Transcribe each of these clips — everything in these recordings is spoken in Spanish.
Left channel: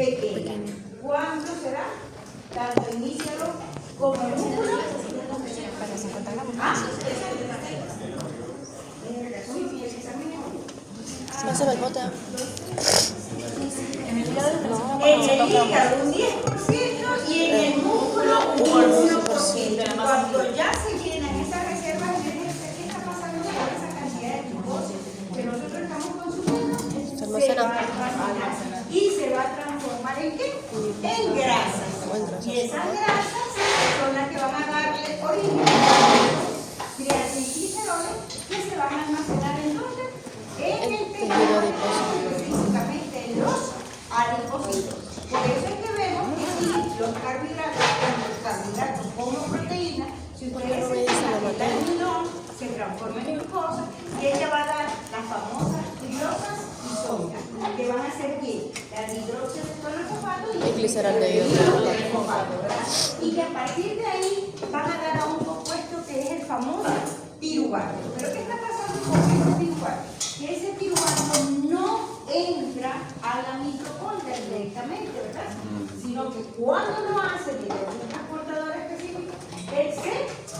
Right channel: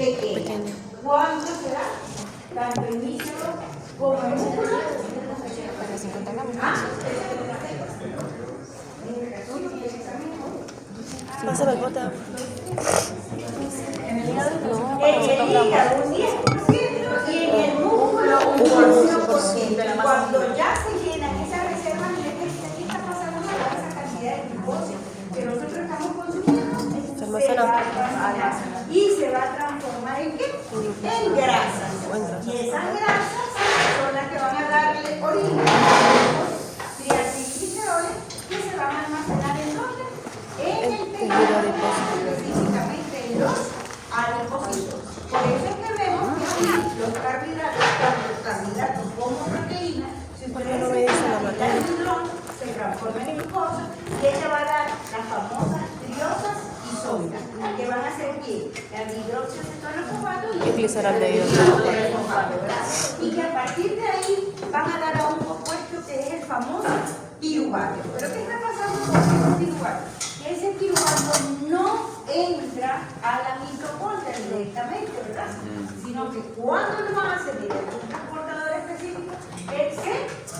pequeña. ¿Cuándo será? Tanto en hígado como en músculo. Pásame el bote. En el hígado un 10% y en el músculo un 11%. Cuando ya se llenan esas reservas, ¿qué está pasando con esa cantidad de glucosa que nosotros estamos consumiendo? Se almacena. Y se va a transformar ¿en qué? En grasas. Y esas grasas son las que van a darle origen a triacilgliceroles que se van a almacenar en dónde? En el tejido adiposo, específicamente en los adipocitos. Por eso es que vemos que aquí los carbohidratos, tanto carbohidratos como proteínas, si ustedes no me dice la materia, se transforman en glucosa y ella va a dar las famosas triosas isómeras, que van a ser ¿qué? La hidroxicetona y gliceraldehído de y que a partir de ahí van a dar a un compuesto que es el famoso piruvato. ¿Pero qué está pasando con ese piruvato? Que ese piruvato no entra a la mitocondria directamente, ¿verdad? Sino que cuando lo hace mediante un transportador específico,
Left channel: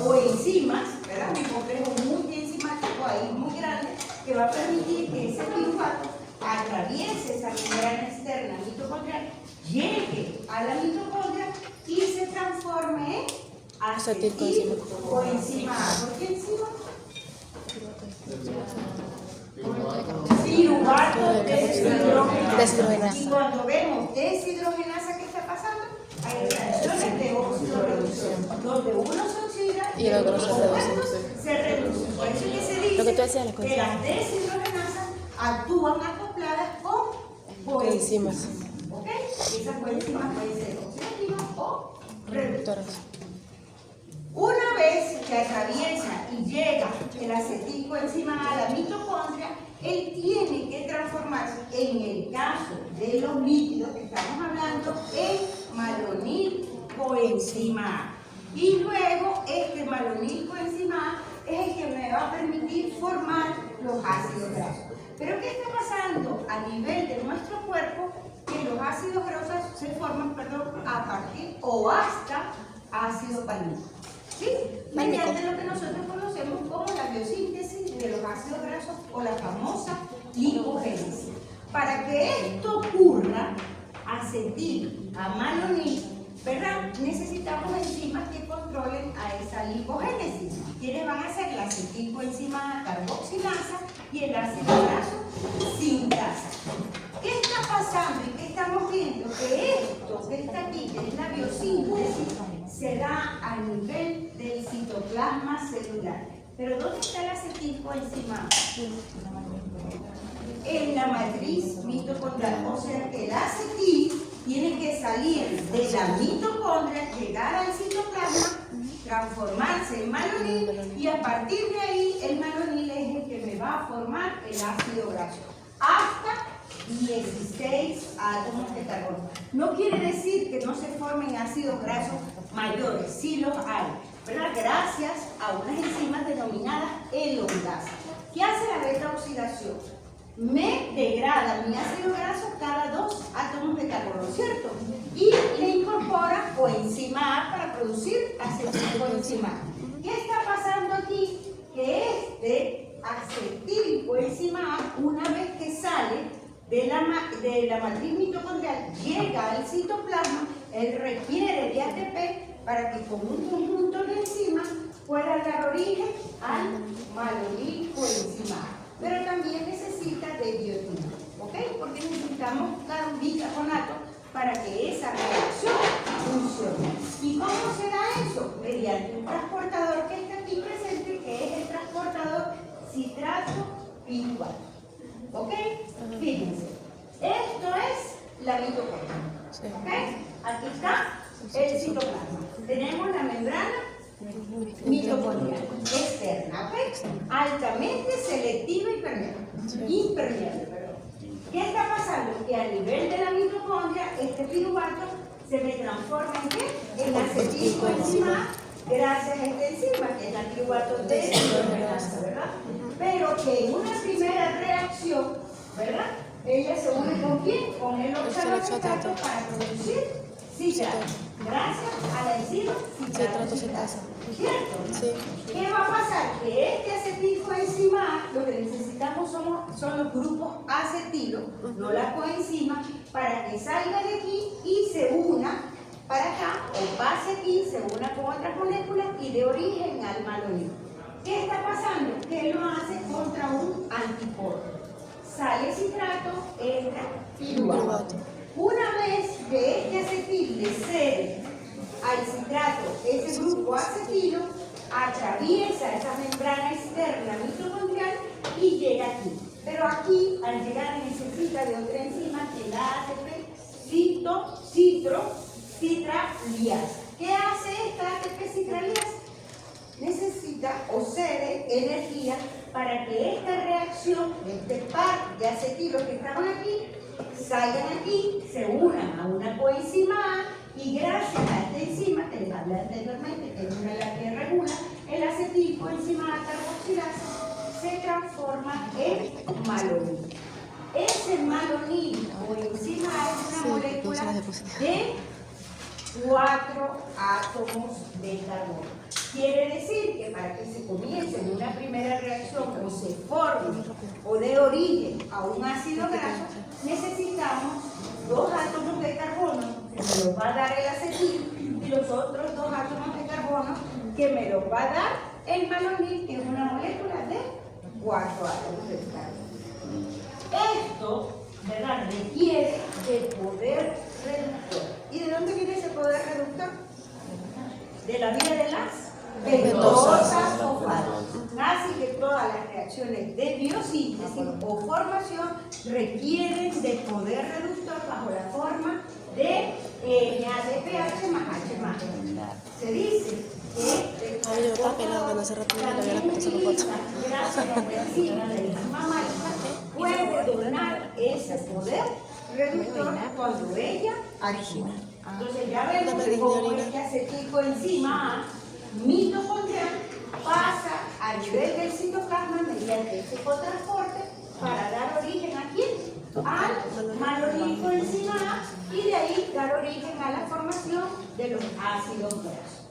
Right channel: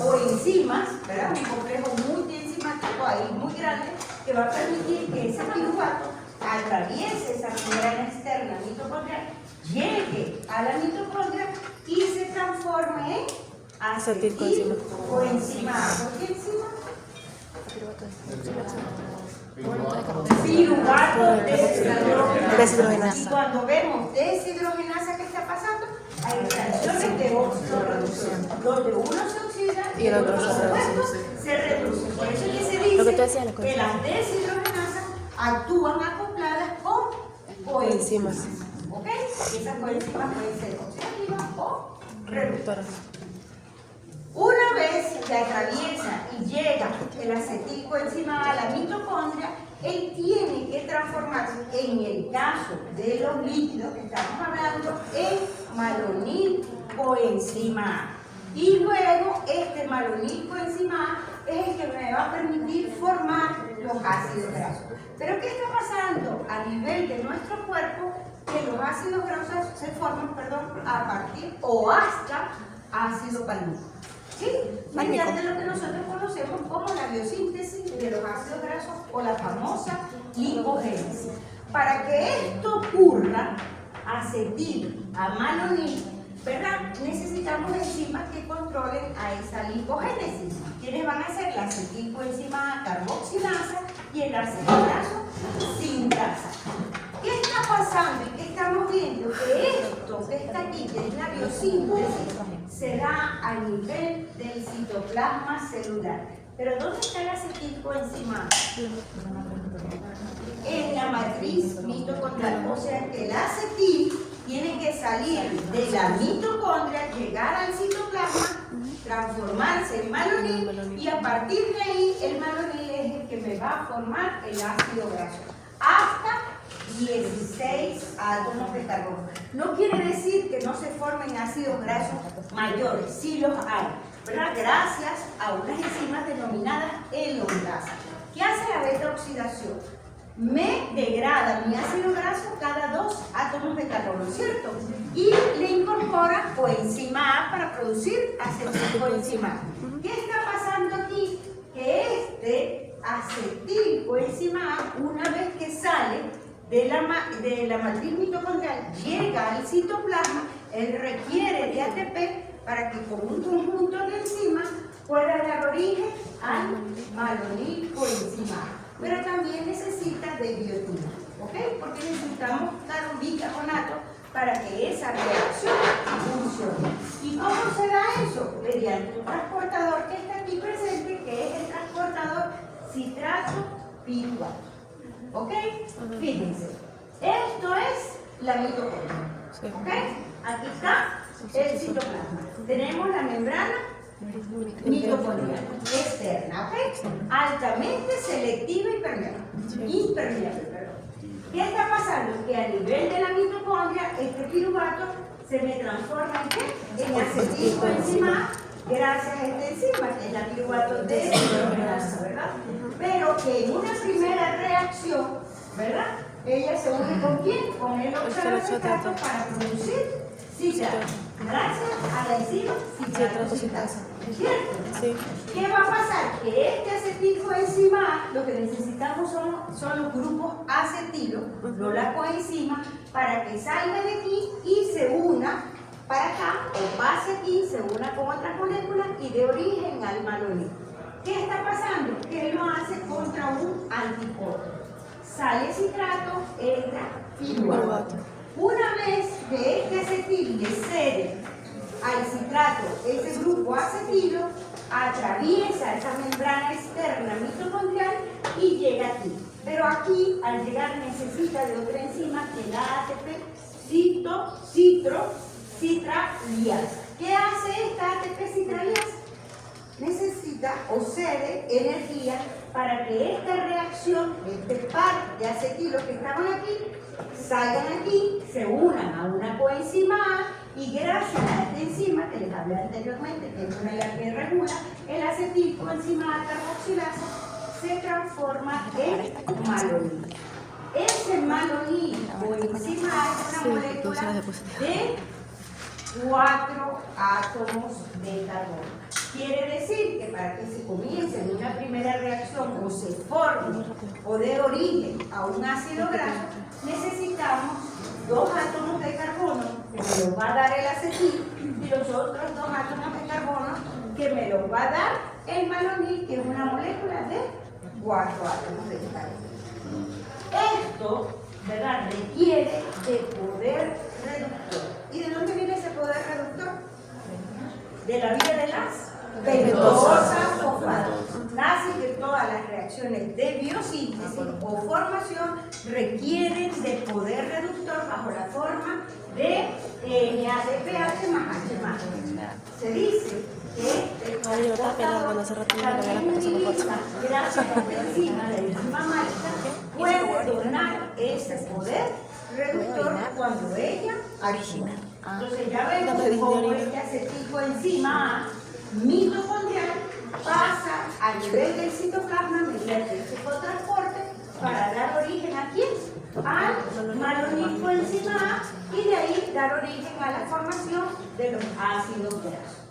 o enzimas, ¿verdad? Un complejo multienzimático ahí muy grande que va a permitir que ese piruvato atraviese esa membrana externa mitocondrial, llegue a la mitocondria y se transforme en acetilcoenzima. ¿Por qué enzima? Piruvato deshidrogenasa. Y cuando vemos deshidrogenasa, ¿qué está pasando? Hay reacciones de oxidorreducción, donde uno se oxida y el otro se reduce. Por eso es que se dice que las deshidrogenasas actúan acopladas con coenzimas. ¿Ok? Esas coenzimas pueden ser oxidativas o reductoras. Una vez que atraviesa y llega el acetilcoenzima a la mitocondria, él tiene que transformarse, en el caso de los lípidos que estamos hablando, en malonilcoenzima A. Y luego este malonilcoenzima A es el que me va a permitir formar los ácidos grasos. Pero ¿qué está pasando a nivel de nuestro cuerpo? Que los ácidos grasos se forman, a partir o hasta ácido palmítico. ¿Sí? Mediante lo que nosotros conocemos como la biosíntesis de los ácidos grasos o la famosa lipogénesis. Para que esto ocurra, acetil a malonil, ¿verdad? Necesitamos enzimas que controlen a esa lipogénesis. ¿Quiénes van a ser? La acetilcoenzima A carboxilasa y el ácido graso sintasa. ¿Qué está pasando y qué estamos viendo? Que esto que está aquí, que es la biosíntesis, se da a nivel del citoplasma celular. Pero ¿dónde está el acetilcoenzima A? En la matriz mitocondrial. O sea que el acetil tiene que salir de la mitocondria, llegar al citoplasma, transformarse en malonil y a partir de ahí el malonil es el que me va a formar el ácido graso. Hasta 16 átomos de carbono. No quiere decir que no se formen ácidos grasos mayores, sí los hay, ¿verdad? Gracias a unas enzimas denominadas elongasas. ¿Qué hace la beta oxidación? Me degrada mi ácido graso cada 2 átomos de carbono, ¿cierto? Y le incorpora coenzima A para producir acetilcoenzima A. ¿Qué está pasando aquí? Que este acetilcoenzima A, una vez que sale de la matriz mitocondrial, llega al citoplasma, él requiere de ATP para que con un conjunto de enzimas pueda dar origen al malonilcoenzima A. Pero también necesita de biotina, ¿ok? Porque necesitamos dar un bicarbonato para que esa reacción funcione. ¿Y cómo se da eso? Mediante un transportador que está aquí presente, que es el transportador citrato piruvato. ¿Ok? Fíjense, esto es la mitocondria. ¿Ok? Aquí está el citoplasma. Tenemos la membrana mitocondrial externa, ¿ok? Altamente selectiva y impermeable. ¿Qué está pasando? Que a nivel de la mitocondria, este piruvato se me transforma en ¿qué? En acetilcoenzima A, gracias a esta enzima, que es la piruvato deshidrogenasa, ¿verdad? Pero que en una primera reacción, ¿verdad? ella se une con quién? Con el oxaloacetato para producir citrato. Gracias a la enzima Citrato sintasa. ¿Cierto? Sí. ¿Qué va a pasar? Que este acetilcoenzima A, lo que necesitamos son los grupos acetilo, no la coenzima, para que salga de aquí y se una para acá, o pase aquí, se una con otras moléculas y dé origen al malonil. ¿Qué está pasando? Que lo hace contra un antipodo. Sale citrato, entra piruvato. Una vez que este acetil le cede al citrato ese grupo acetilo, atraviesa esa membrana externa mitocondrial y llega aquí. Pero aquí, al llegar, necesita de otra enzima que la ATP citraliasa. ¿Qué hace esta ATP citraliasa? Necesita o cede energía para que esta reacción, este par de acetilos que estaban aquí, salgan aquí, se unan a una coenzima A y gracias a esta enzima que les hablé anteriormente, que es una la que regula, el acetilcoenzima A carboxilasa se transforma en malonil. Ese malonil o enzima A es una molécula de 4 átomos de carbono. Quiere decir que para que se comience una primera reacción o se forme o dé origen a un ácido graso, necesitamos 2 átomos de carbono que me los va a dar el acetil y los otros 2 átomos de carbono que me los va a dar el malonil, que es una molécula de 4 átomos de carbono. Esto, ¿verdad?, requiere de poder reductor. ¿Y de dónde viene ese poder reductor? De la vía de las pentosas fosfato. Así que todas las reacciones de biosíntesis o formación requieren de poder reductor bajo la forma de NADPH más H más. Se dice que Ay, yo estaba pelada cuando hace rato me había la foto, se me foto. gracias a la enzima mágica puede donar ese poder reductor cuando ella actúa. Entonces ya vemos cómo este acetilcoenzima A mitocondrial pasa a nivel del citoplasma mediante ese cotransporte para dar origen ¿a quién? Al malonilcoenzima A y de ahí dar origen a la formación de los ácidos grasos.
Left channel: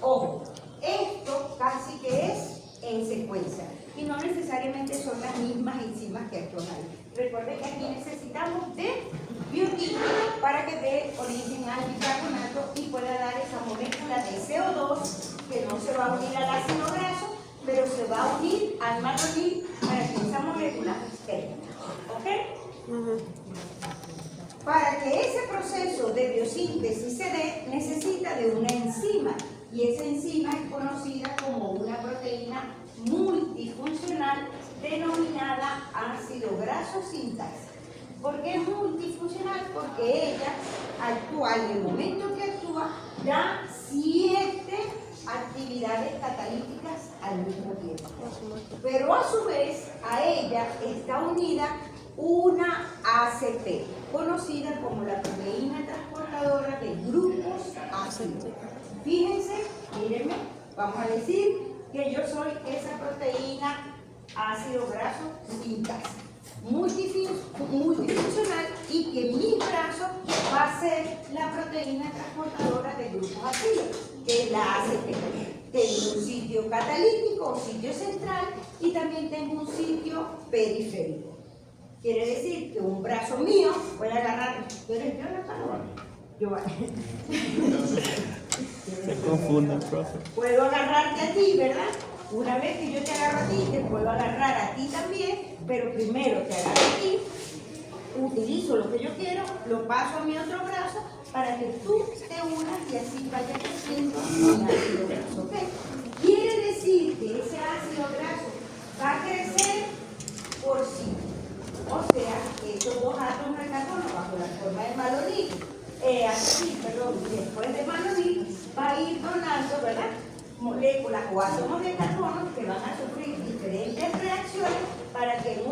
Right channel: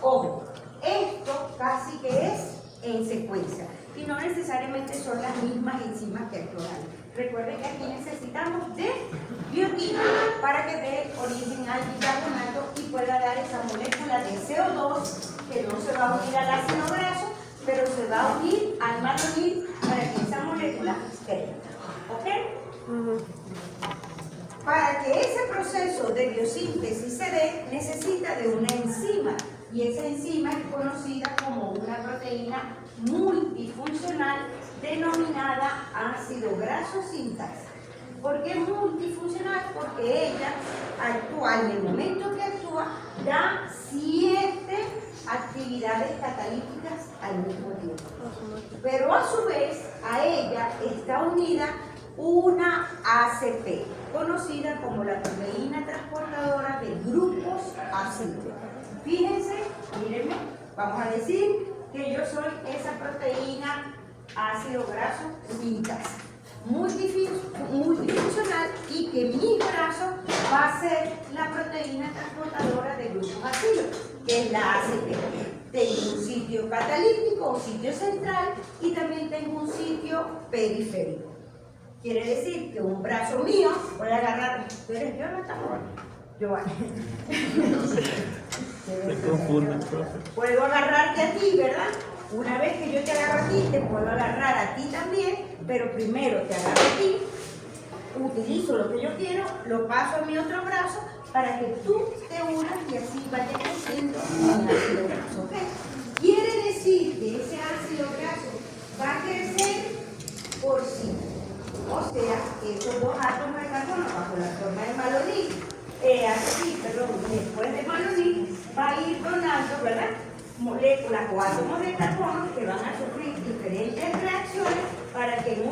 Ojo, esto casi que es en secuencia y no necesariamente son las mismas enzimas que actúan. Recuerden que aquí necesitamos de biotina para que dé origen al bicarbonato y pueda dar esa molécula de CO2 que no se va a unir al ácido graso, pero se va a unir al malonil para que esa molécula crezca. ¿Ok? Para que ese proceso de biosíntesis se dé, necesita de una enzima y esa enzima es conocida como una proteína multifuncional denominada ácido graso sintasa. ¿Por qué multifuncional? Porque ella actúa, en el momento que actúa, da 7 actividades catalíticas al mismo tiempo. Pero a su vez, a ella está unida una ACP, conocida como la proteína transportadora de grupos ácidos. Fíjense, mírenme, vamos a decir que yo soy esa proteína ácido graso sintasa, multifuncional, y que mi brazo va a ser la proteína transportadora de grupos ácidos, que es la ACP. Tengo un sitio catalítico o sitio central y también tengo un sitio periférico. Quiere decir que un brazo mío puede agarrar, ¿tú eres Jonathan? Giovanni. Se confunden, profe. Puedo agarrarte a ti, ¿verdad? Una vez que yo te agarro a ti, te puedo agarrar a ti también, pero primero te agarro a ti, utilizo lo que yo quiero, lo paso a mi otro brazo para que tú te unas y así vaya creciendo mi ácido graso, ¿ok? Quiere decir que ese ácido graso va a crecer por sí. O sea, esos 2 átomos de carbono bajo la forma de malonil, después de malonil, va a ir donando, ¿verdad?, moléculas o átomos de carbono que van a sufrir diferentes reacciones para que en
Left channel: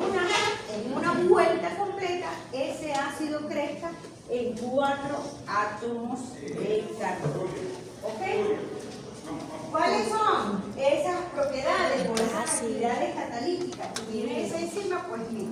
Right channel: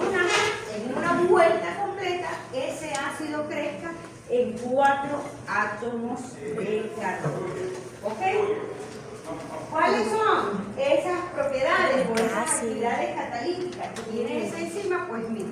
una vuelta completa ese ácido crezca en 4 átomos de carbono. ¿Ok? ¿Cuáles son esas propiedades o esas actividades catalíticas que tiene esa enzima? Pues mira,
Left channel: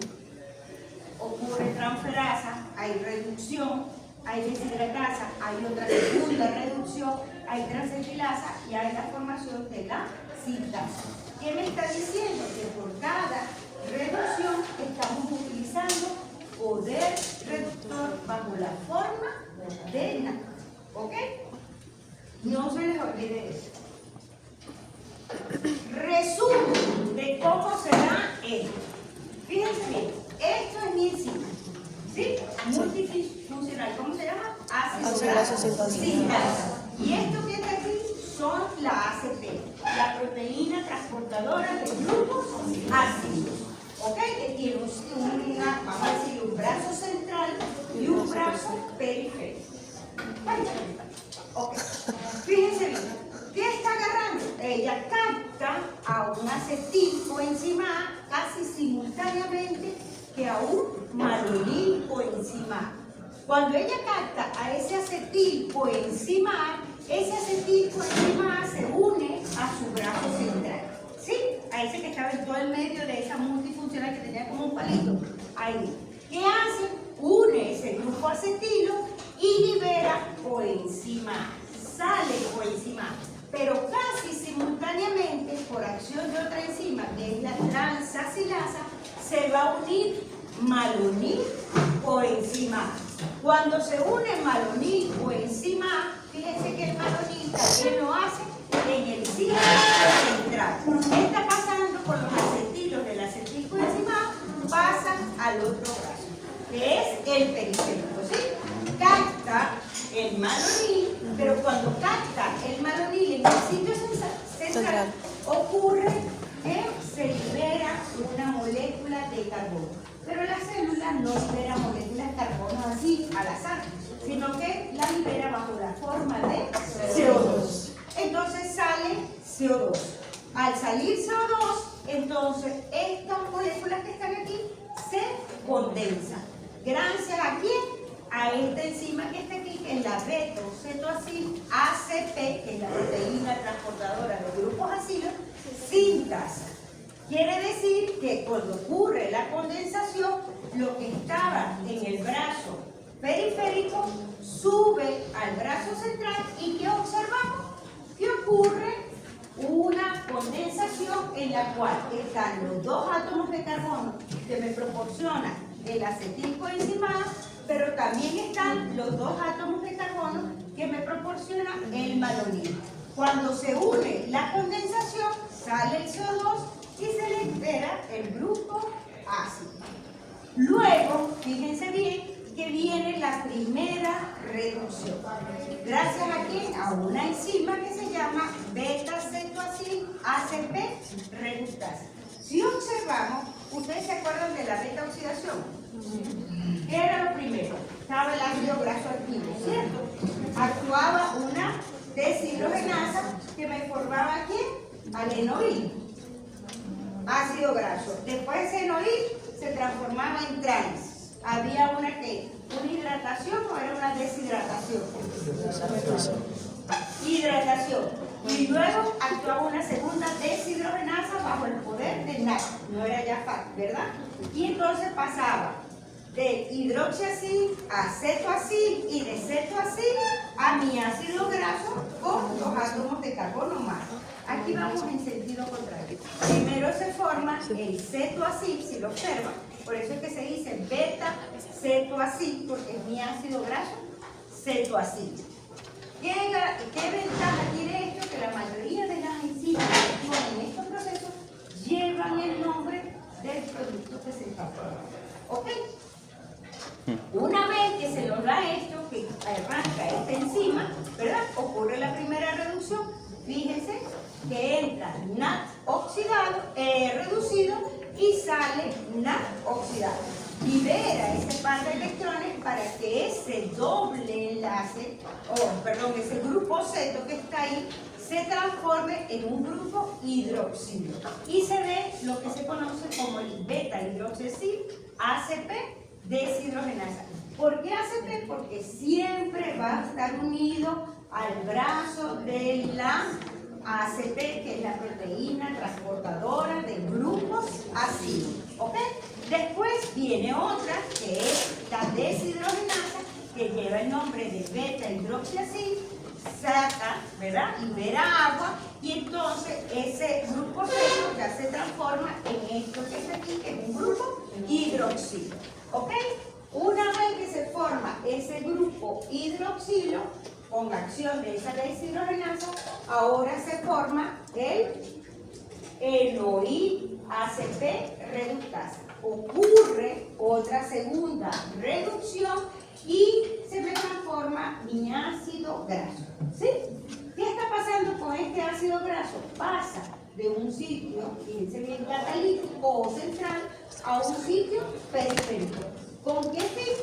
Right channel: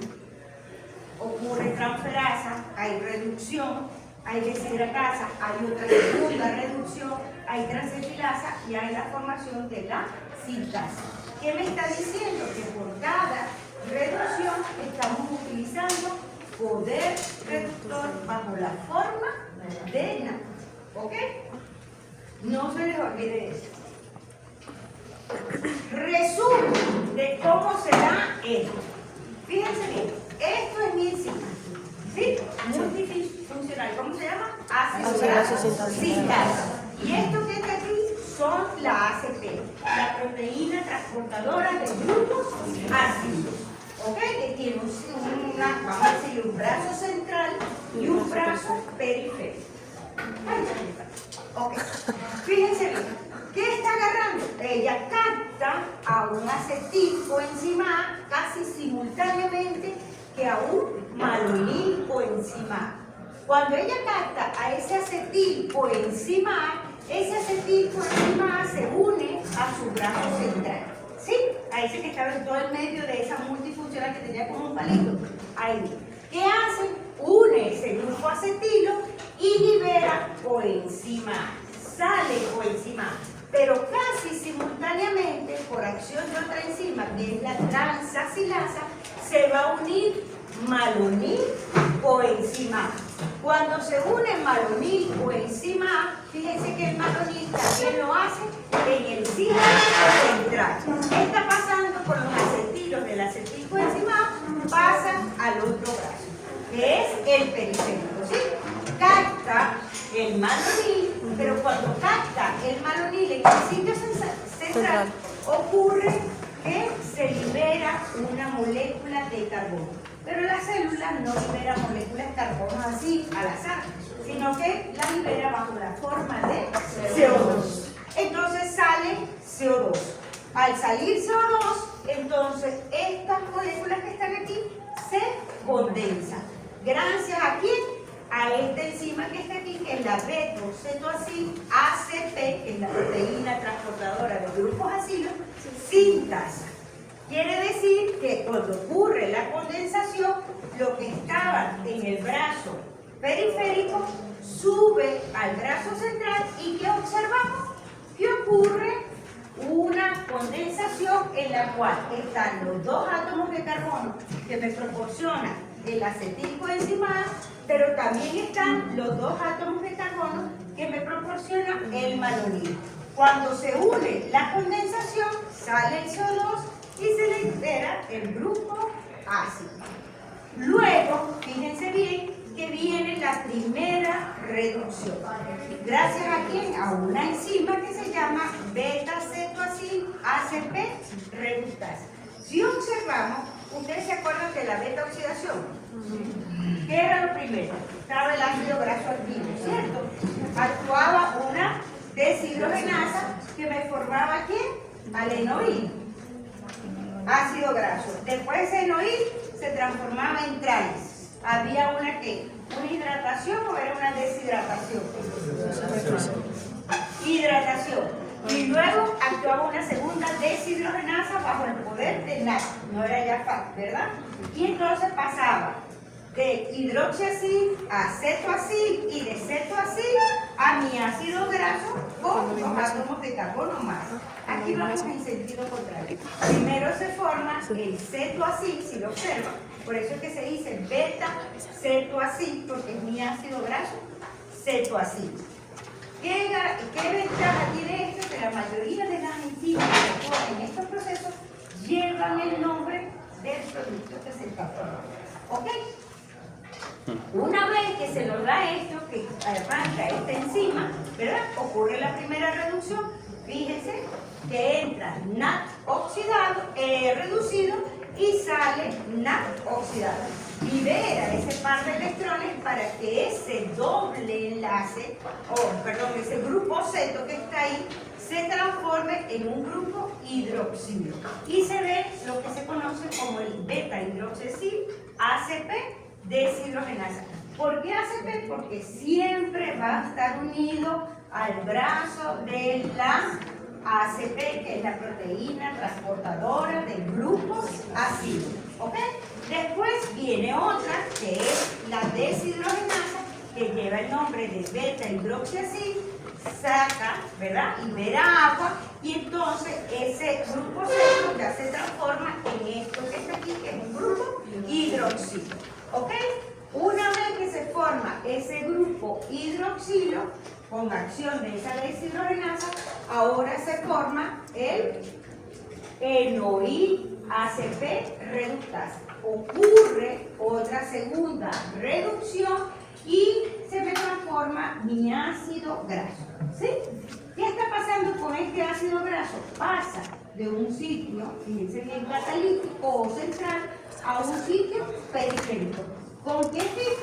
ocurre transferasa, hay reducción, hay deshidratasa, hay otra segunda reducción, hay transestilasa y hay la formación de la sintasa. ¿Qué me está diciendo? Que por cada reducción estamos utilizando poder reductor bajo la forma de NAD. ¿Ok? No se les olvide eso. Resumen de cómo se da esto. Fíjense bien, esto es mi enzima, ¿sí? Multifuncional, ¿cómo se llama? Ácido graso sintasa. Y esto que está aquí son la ACP, la proteína transportadora de grupos ácidos. ¿Ok? Que tiene vamos a decir, un brazo central y un brazo periférico. Ok, fíjense bien. ¿Qué está agarrando? Ella capta a un acetilcoenzima A casi simultáneamente que a un malonilcoenzima A. Cuando ella capta a ese acetilcoenzima A, ese acetilcoenzima A se une a su brazo central. ¿Sí? A ese que estaba en todo el medio de esa multifuncional que tenía como un palito. Ahí. ¿Qué hace? Une ese grupo acetilo y libera coenzima A. Sale coenzima A. Pero casi simultáneamente, por acción de otra enzima, que es la transaxilasa, se va a unir malonil coenzima A. Cuando se une malonil coenzima A, fíjense que el malonil también lo hace en el ciclo central. ¿Qué está pasando con los acetilos del acetilcoenzima A? Pasan al otro brazo, que es el periférico, ¿sí? Capta el malonil, pero cuando capta el malonil en el sitio central, ocurre que se libera una molécula de carbono. Pero la célula no libera moléculas de carbono así al azar, sino que la libera bajo la forma de CO2. Entonces sale CO2. Al salir CO2, entonces estas moléculas que están aquí se condensan. Gracias a quién? A esta enzima que está aquí, que es la beta-cetoacil ACP, que es la proteína transportadora de grupos acilos, sintasa. Quiere decir que cuando ocurre la condensación, lo que estaba en el brazo periférico sube al brazo central y ¿qué observamos? Que ocurre una condensación en la cual están los dos átomos de carbono que me proporciona el acetilcoenzima A, pero también están los dos átomos de carbono que me proporciona el malonil. Cuando se une la condensación, sale el CO2 y se le libera el grupo ácido. Luego, fíjense bien que viene la primera reducción. ¿Gracias a quién? A una enzima que se llama beta-cetoacil ACP reductasa. Si observamos, ¿ustedes se acuerdan de la beta-oxidación? ¿Qué era lo primero? Estaba el ácido graso activo, ¿cierto? Actuaba una deshidrogenasa que me formaba ¿quién? Al enoil, ácido graso. Después ese enoil se transformaba en trans. Había una hidratación o era una deshidratación. Hidratación. Y luego actuaba una segunda deshidrogenasa bajo el poder de NAD. No era ya FAT, ¿verdad? Y entonces pasaba de hidroxiacil a cetoacil y de cetoacil a mi ácido graso con los átomos de carbono más. Aquí vamos en sentido contrario. Primero se forma el cetoacil, si lo observan. Por eso es que se dice beta-cetoacil, porque es mi ácido graso cetoacil. ¿Qué ventaja tiene esto? Que la mayoría de las enzimas que actúan en estos procesos llevan el nombre del producto que se transforma. ¿Ok? Una vez que se nos da esto, que arranca esta enzima, ¿verdad? Ocurre la primera reducción. Fíjense que entra NAD oxidado, reducido y sale NAD oxidado. Libera ese par de electrones para que ese doble enlace, ese grupo ceto que está ahí, se transforme en un grupo hidroxilo. Y se ve lo que se conoce como el beta-hidroxicil ACP deshidrogenasa. ¿Por qué ACP? Porque siempre va a estar unido al brazo de la ACP, que es la proteína transportadora de grupos ácidos. ¿Ok? Después viene otra, que es la deshidrogenasa, que lleva el nombre de beta-hidroxiácido, saca, ¿verdad? Libera agua, y entonces ese grupo seco ya se transforma en esto que está aquí, que es un grupo hidroxilo. ¿Ok? Una vez que se forma ese grupo hidroxilo, con acción de esa deshidrogenasa, ahora se forma el enoil ACP reductasa. Ocurre otra segunda reducción y se me transforma mi ácido graso. ¿Sí? ¿Qué está pasando con este ácido graso? Pasa de un sitio, fíjense bien, catalítico o central, a un sitio periférico. ¿Con qué fin?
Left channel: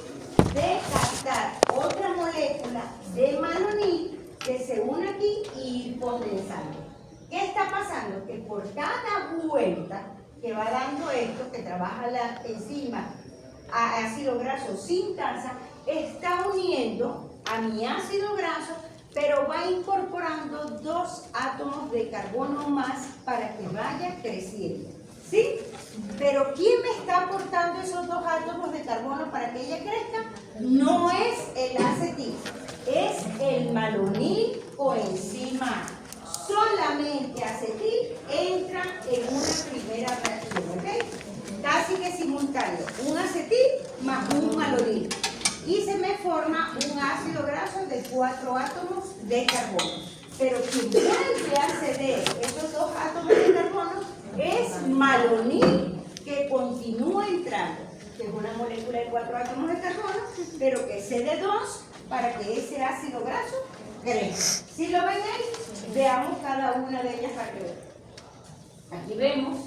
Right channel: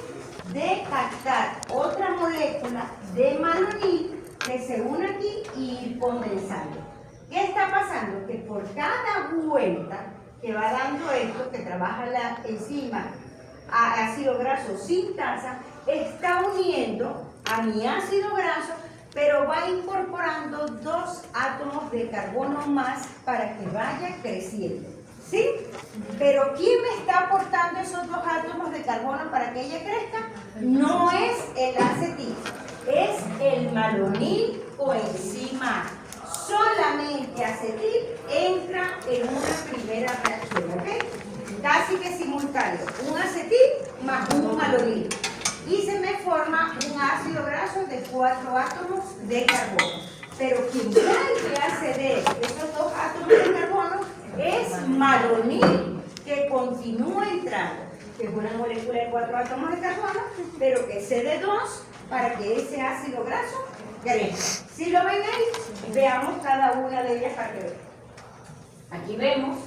De captar otra molécula de malonil que se une aquí y ir condensando. ¿Qué está pasando? Que por cada vuelta que va dando esto, que trabaja la enzima a ácido graso sintasa, está uniendo a mi ácido graso, pero va incorporando 2 átomos de carbono más para que vaya creciendo. ¿Sí? Pero ¿quién me está aportando esos 2 átomos de carbono para que ella crezca? No es el acetil, es el malonil coenzima A. Solamente acetil entra en una primera reacción, ¿ok? Casi que simultáneo, un acetil más un malonil. Y se me forma un ácido graso de 4 átomos de carbono. Pero quien vuelve a ceder esos 2 átomos de carbono es malonil, que continúa entrando, que es una molécula de 4 átomos de carbono, pero que cede 2 para que ese ácido graso crezca. ¿Sí lo ven ahí? Veamos cada una de ellas para que vean. Aquí vemos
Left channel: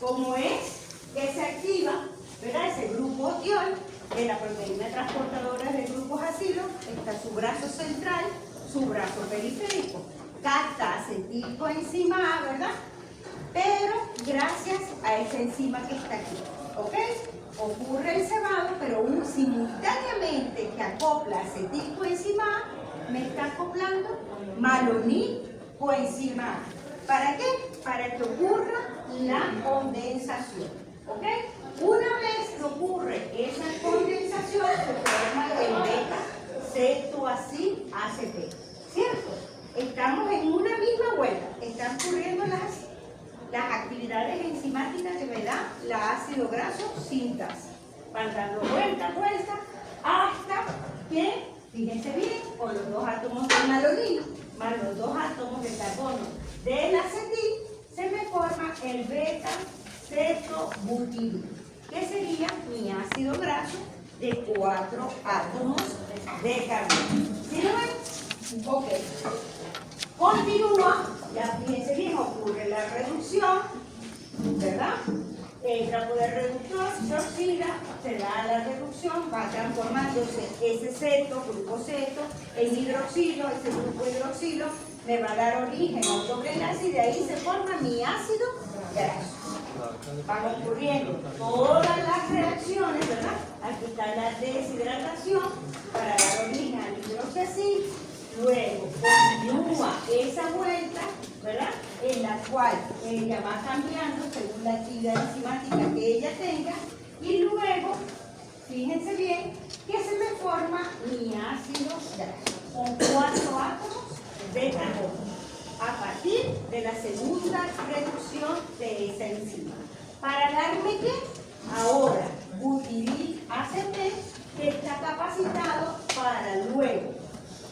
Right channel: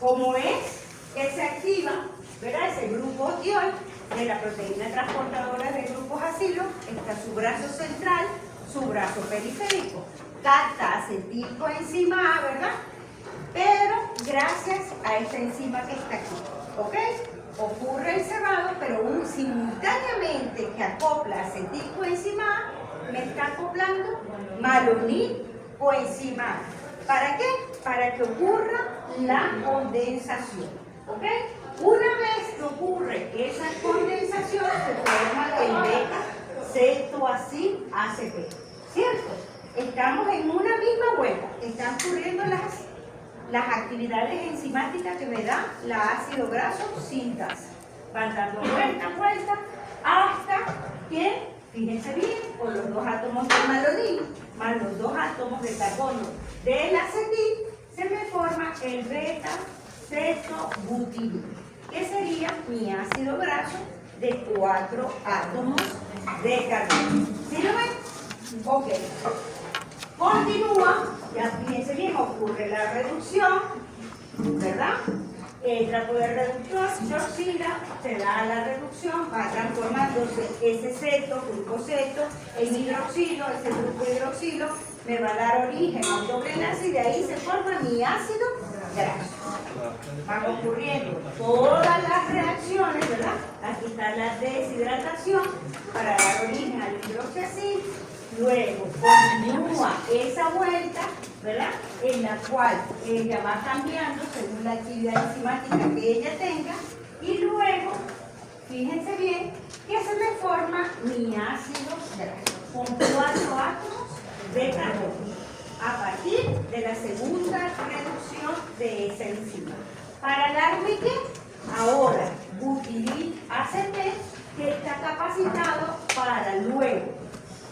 cómo es que se activa, ¿verdad? Ese grupo tiol de la proteína transportadora de grupos ácidos. Está su brazo central, su brazo periférico. Capta acetilcoenzima A, ¿verdad? Pero gracias a esa enzima que está aquí, ¿ok? Ocurre el cebado, pero simultáneamente que acopla acetilcoenzima A, me está acoplando malonil coenzima A. ¿Para qué? Para que ocurra la condensación, ¿ok? Una vez que ocurre esa condensación, se forma el beta-cetoacil ACP, ¿cierto? Estamos en una misma vuelta, están ocurriendo las actividades enzimáticas que me da la ácido graso sintasa. Van dando vuelta, hasta que, fíjense bien, con los 2 átomos de malonil más los 2 átomos de carbono del acetil, se me forma el beta-cetobutilol, que sería mi ácido graso de 4 átomos de carbono. ¿Sí lo ven? Ok. Continúa, ya fíjense bien, ocurre la reducción, ¿verdad? Entra por el reductor, se oxida, se da la reducción, va transformándose ese ceto, grupo ceto, en hidroxilo, ese grupo hidroxilo me va a dar origen a un doble enlace y de ahí se forma mi ácido graso. Van ocurriendo todas las reacciones, ¿verdad? Aquí está la deshidratación para dar origen al hidroxiácido. Luego continúa esa vuelta, ¿verdad? En la cual ella va cambiando según la actividad enzimática que ella tenga. Y luego, fíjense bien, que se me forma mi ácido graso con 4 átomos de carbono a partir de la segunda reducción de esa enzima. Para darme ¿qué? Ahora, butiril ACP, que está capacitado para luego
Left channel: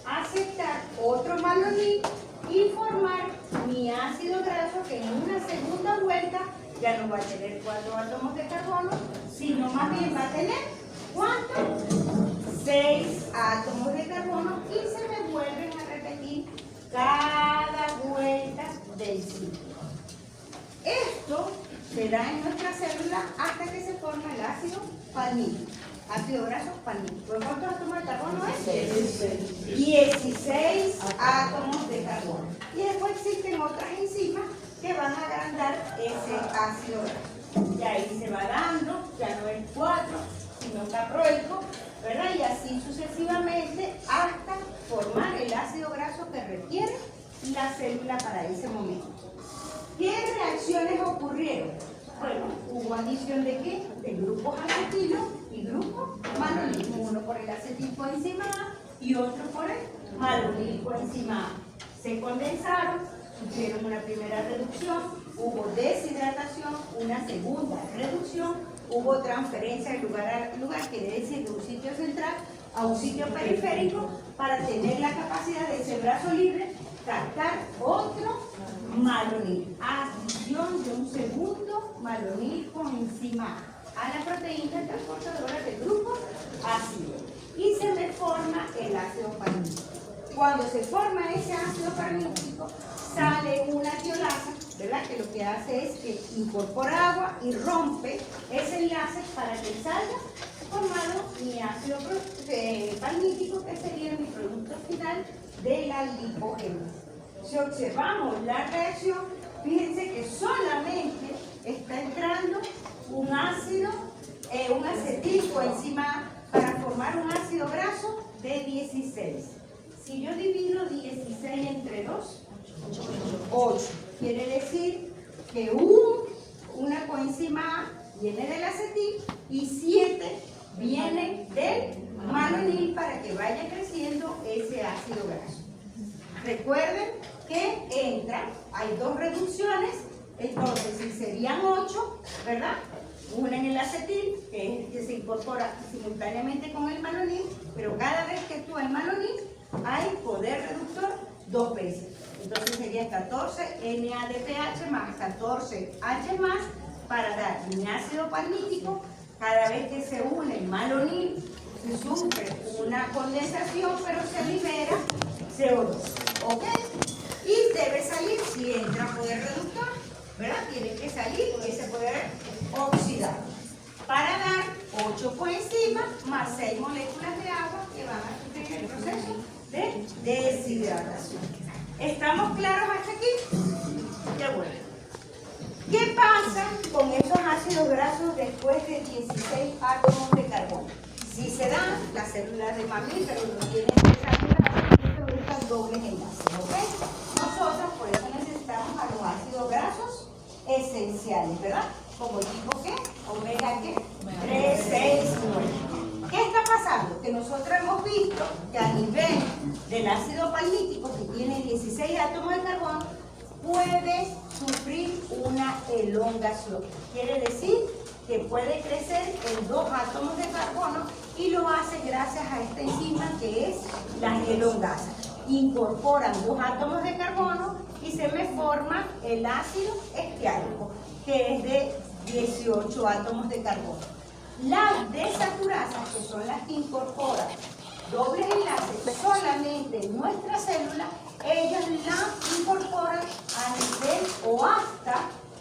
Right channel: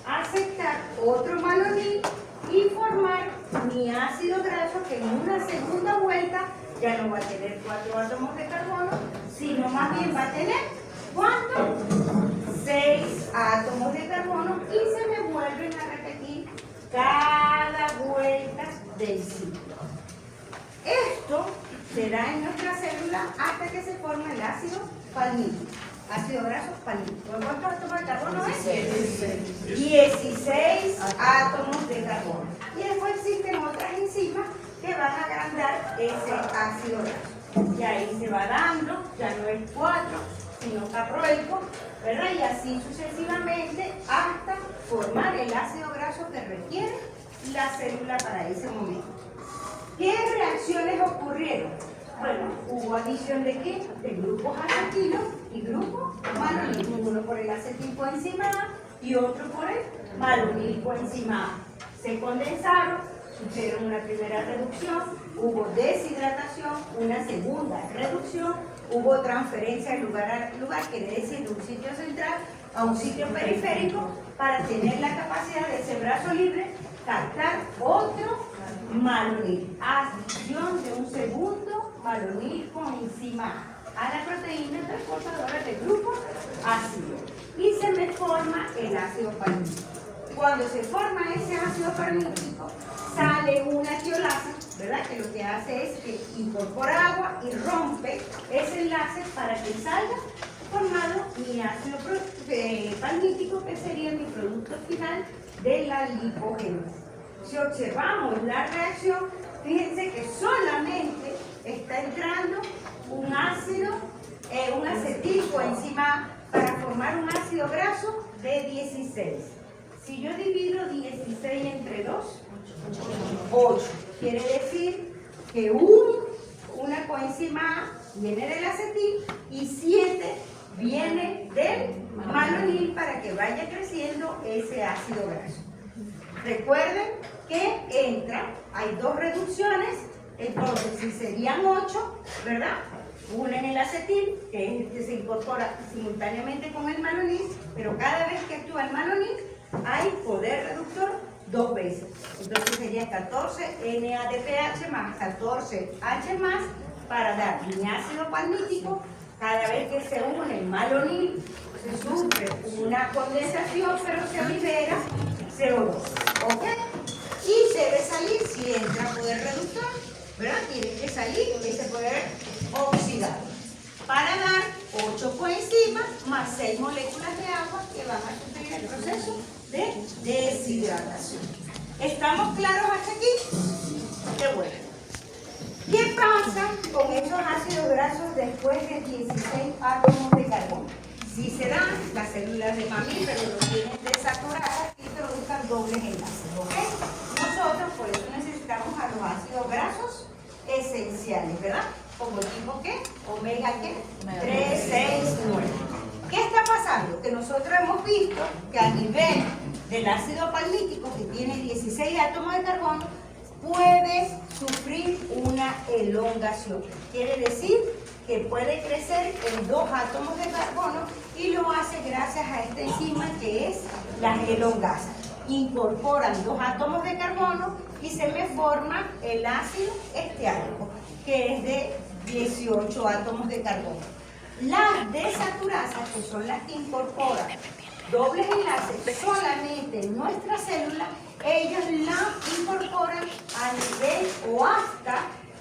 aceptar otro malonil y formar mi ácido graso, que en una segunda vuelta ya no va a tener 4 átomos de carbono, sino más bien va a tener ¿cuánto? 6 átomos de carbono, y se me vuelven a repetir cada vuelta del ciclo. Esto se da en nuestra célula hasta que se forma el ácido panil. Ácido graso panil. ¿Cuántos átomos de carbono es? 16 átomos de carbono. Y después existen otras enzimas que van a agrandar ese ácido graso. Y ahí se va dando, ya no es 4, sino caproico, ¿verdad? Y así sucesivamente hasta formar el ácido graso que requiere la célula para ese momento. ¿Qué reacciones ocurrieron? Bueno, hubo adición de qué? De grupos acetilo y grupos malonil. Uno por el acetilcoenzima A y otro por el malonilcoenzima A. Se condensaron, hicieron una primera reducción, hubo deshidratación, una segunda reducción, hubo transferencia de lugar a lugar, quiere decir de un sitio central a un sitio periférico, para tener la capacidad de ese brazo libre captar otro malonil. Adición de un segundo malonil coenzima A la proteína transportadora del grupo ácido. Y se me forma el ácido palmítico. Cuando se forma ese ácido palmítico, sale una tiolasa, ¿verdad? Que lo que hace es que incorpora agua y rompe ese enlace para que salga formado mi ácido palmítico, que sería mi producto final de la lipogénesis. Si observamos la reacción, fíjense que solamente está entrando un ácido, un acetilcoenzima A para formar un ácido graso de 16. Si yo divido 16 entre 2, 8. Quiere decir que una coenzima A viene del acetil y 7 viene del malonil para que vaya creciendo ese ácido graso. Recuerden que hay dos reducciones, entonces si serían 8, ¿verdad? Una en el acetil, que es el que se incorpora simultáneamente con el malonil, pero cada vez que actúa el malonil hay poder reductor 2 veces. Entonces sería 14 NADPH más 14 H más para dar mi ácido palmítico. Cada vez que se une el malonil, se sufre una condensación, pero se libera CO2. ¿Ok? Y debe salir, si entra poder reductor, ¿verdad? Tiene que salir ese poder oxidado para dar 8 coenzimas más 6 moléculas de agua que van a sufrir el proceso de deshidratación. ¿Estamos claros hasta aquí? Qué bueno. ¿Qué pasa con esos ácidos grasos después de 16 átomos de carbono? Si se dan, las células de mamíferos no tienen desaturadas y introducen dobles enlaces, ¿ok? Nosotros por eso necesitamos a los ácidos grasos esenciales, ¿verdad? Como el tipo ¿qué? Omega ¿qué? 3, 6, 9. ¿Qué está pasando? Que nosotros hemos visto que a nivel del ácido palmítico, que tiene 16 átomos de carbono, puede sufrir una elongación. Quiere decir que puede crecer en 2 átomos de carbono y lo hace gracias a esta enzima que es la elongasa. Incorporan 2 átomos de carbono y se me forma el ácido estiálico, que es de 18 átomos de carbono. Las desaturasas, que son las que incorporan dobles enlaces solamente en nuestra célula, ellas la incorporan a nivel o hasta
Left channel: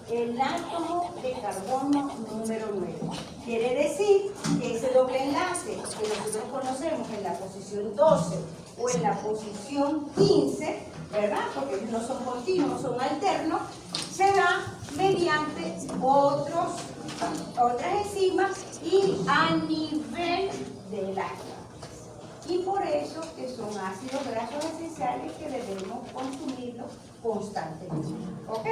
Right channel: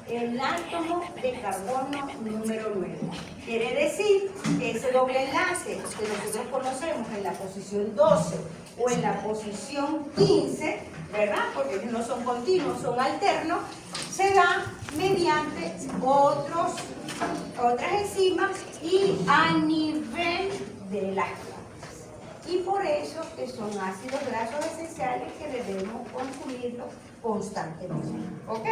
el átomo de carbono número 9. Quiere decir que ese doble enlace que nosotros conocemos en la posición 12 o en la posición 15, ¿verdad? Porque ellos no son continuos, son alternos, se da mediante otras enzimas y a nivel de las plantas. Y por eso que son ácidos grasos esenciales que debemos consumirlos constantemente. ¿Ok?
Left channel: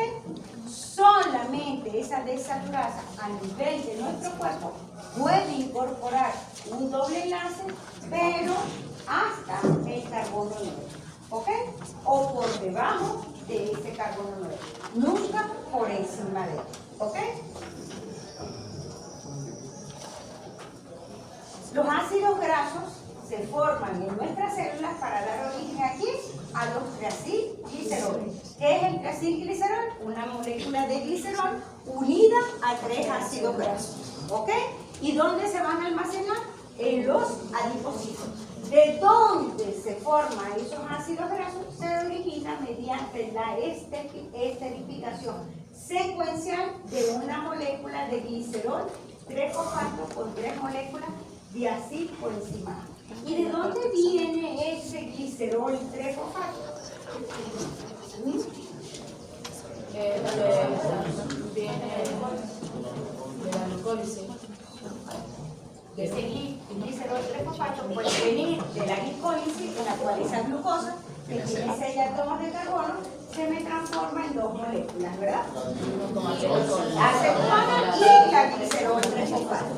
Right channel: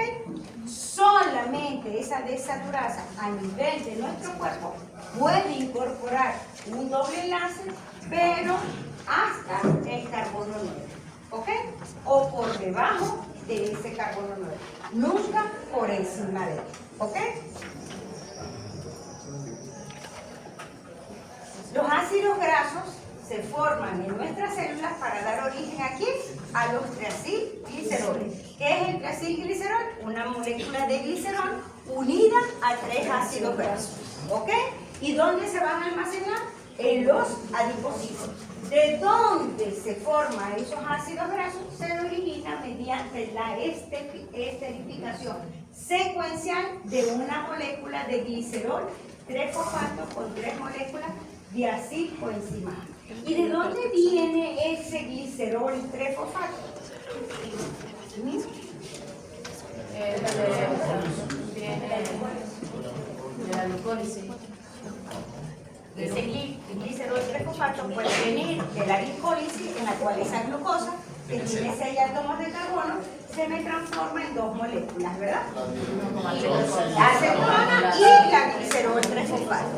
Solamente esa desaturasa a nivel de nuestro cuerpo puede incorporar un doble enlace, pero hasta el carbono 9. ¿Ok? O por debajo de ese carbono 9. Nunca por encima de él. ¿Ok? Los ácidos grasos se forman en nuestras células para dar origen aquí a los triacilgliceroles. ¿Qué es el triacilglicerol? Una molécula de glicerol unida a 3 ácidos grasos. ¿Ok? ¿Y dónde se van a almacenar? En los adipocitos. ¿De dónde se forman esos ácidos grasos? Se origina mediante la esterificación secuencial de una molécula de glicerol 3-fosfato con 3 moléculas de acetilcoenzima A. ¿Y de dónde viene ese glicerol 3-fosfato? Viene de la glucólisis. Ese glicerol 3-fosfato fosfato puede venir de la glicólisis, en la cual esa glucosa, que tiene 6 átomos de carbono, se me transforma en 2 moléculas, ¿verdad? La acetona y la glicerol 3-fosfato.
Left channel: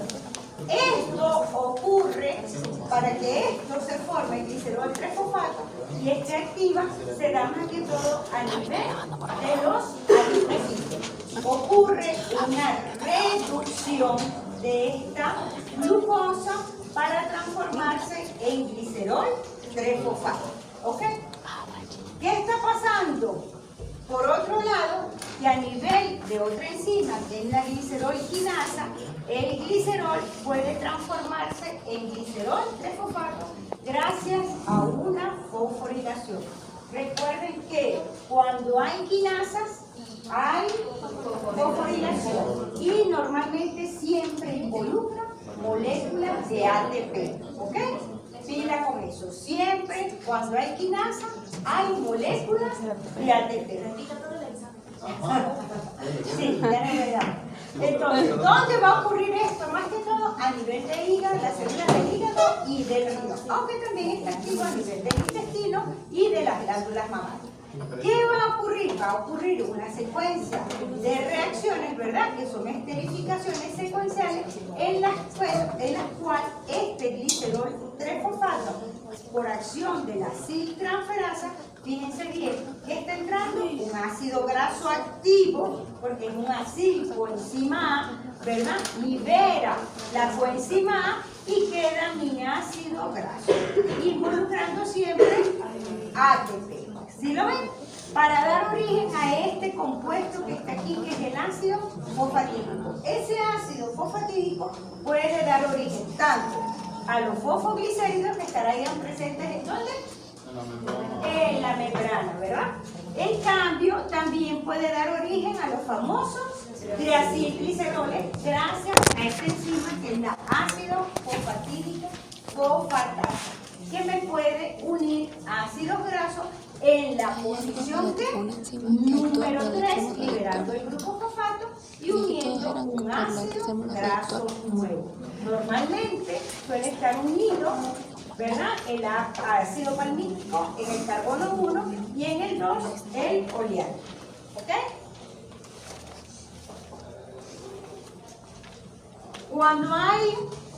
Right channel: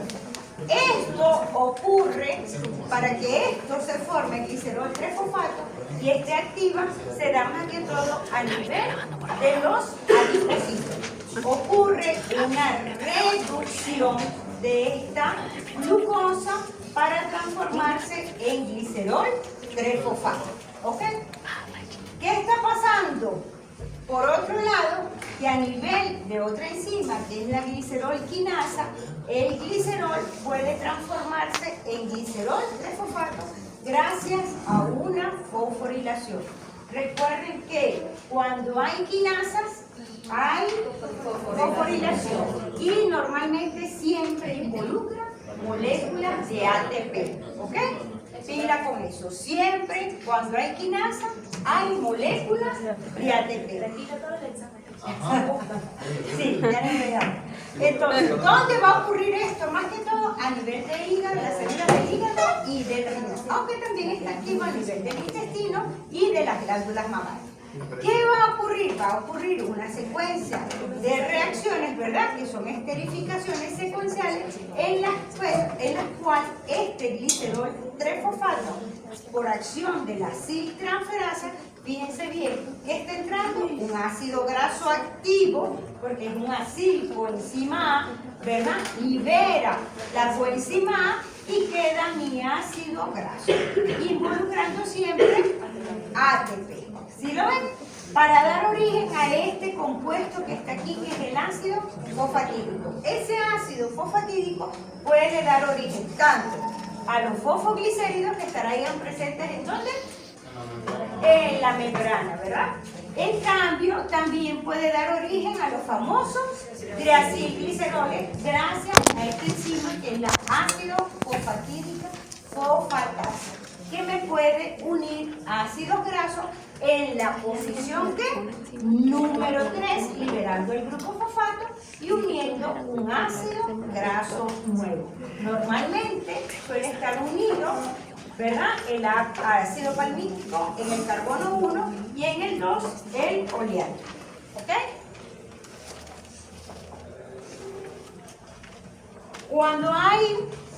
Esto ocurre para que esto se forme glicerol 3-fosfato y esté activa, se da más que todo a nivel de los adipocitos. Ocurre una reducción de esta glucosa para transformarse en glicerol 3-fosfato. ¿Ok? ¿Qué está pasando? Por otro lado, que a nivel de otra enzima, que es la glicerol quinasa, el glicerol puede transformarse en glicerol 3-fosfato gracias a una fosforilación. Recuerden que cuando hay quinasas, hay fosforilación y normalmente siempre involucra moléculas de ATP. ¿Ok? Pila con eso. Siempre cuando hay quinasa, hay moléculas de ATP. Sí, ya no me llamo. Entonces, ¿dónde va a ocurrir esto? Más que todo a nivel del hígado, las células del hígado y del riñón, aunque también está activo a nivel del intestino y de las glándulas mamarias. ¿Qué va a ocurrir? Va a ocurrir una secuencia de reacciones, ¿verdad? Que son esterificaciones secuenciales en las cuales este glicerol 3-fosfato, por acción de la aciltransferasa, fíjense bien, que está entrando un ácido graso activo, porque es un acil coenzima A, ¿verdad? Libera la coenzima A y queda mi ácido graso, involucrando siempre ATP. ¿Sí lo ven? Para dar origen a este compuesto que está aquí, que es el ácido fosfatídico. Ese ácido fosfatídico puede dar origen tanto a los fosfoglicéridos que estarán presentes ¿en dónde? En la membrana, ¿verdad? En cambio, también puede dar origen a los famosos triacilgliceroles gracias a esta enzima que es la ácido fosfatídica fosfatasa, que me puede unir ácidos grasos en la posición de número 3, liberando el grupo fosfato y uniendo un ácido graso nuevo. Normalmente suele estar unido, ¿verdad? El ácido palmítico en el carbono 1 y en el 2 el oleato. ¿Ok? Cuando hay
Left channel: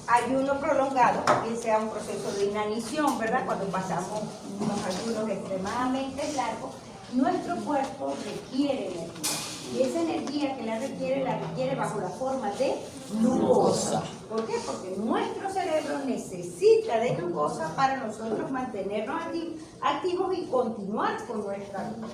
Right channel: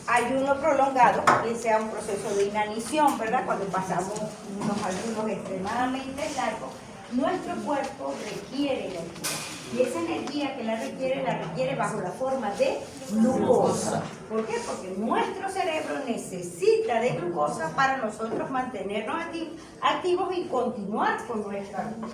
ayuno prolongado, que sea un proceso de inanición, ¿verdad? Cuando pasamos unos ayunos extremadamente largos, nuestro cuerpo requiere energía. Y esa energía que la requiere bajo la forma de glucosa. ¿Por qué? Porque nuestro cerebro necesita de glucosa para nosotros mantenernos activos y continuar con nuestra vida.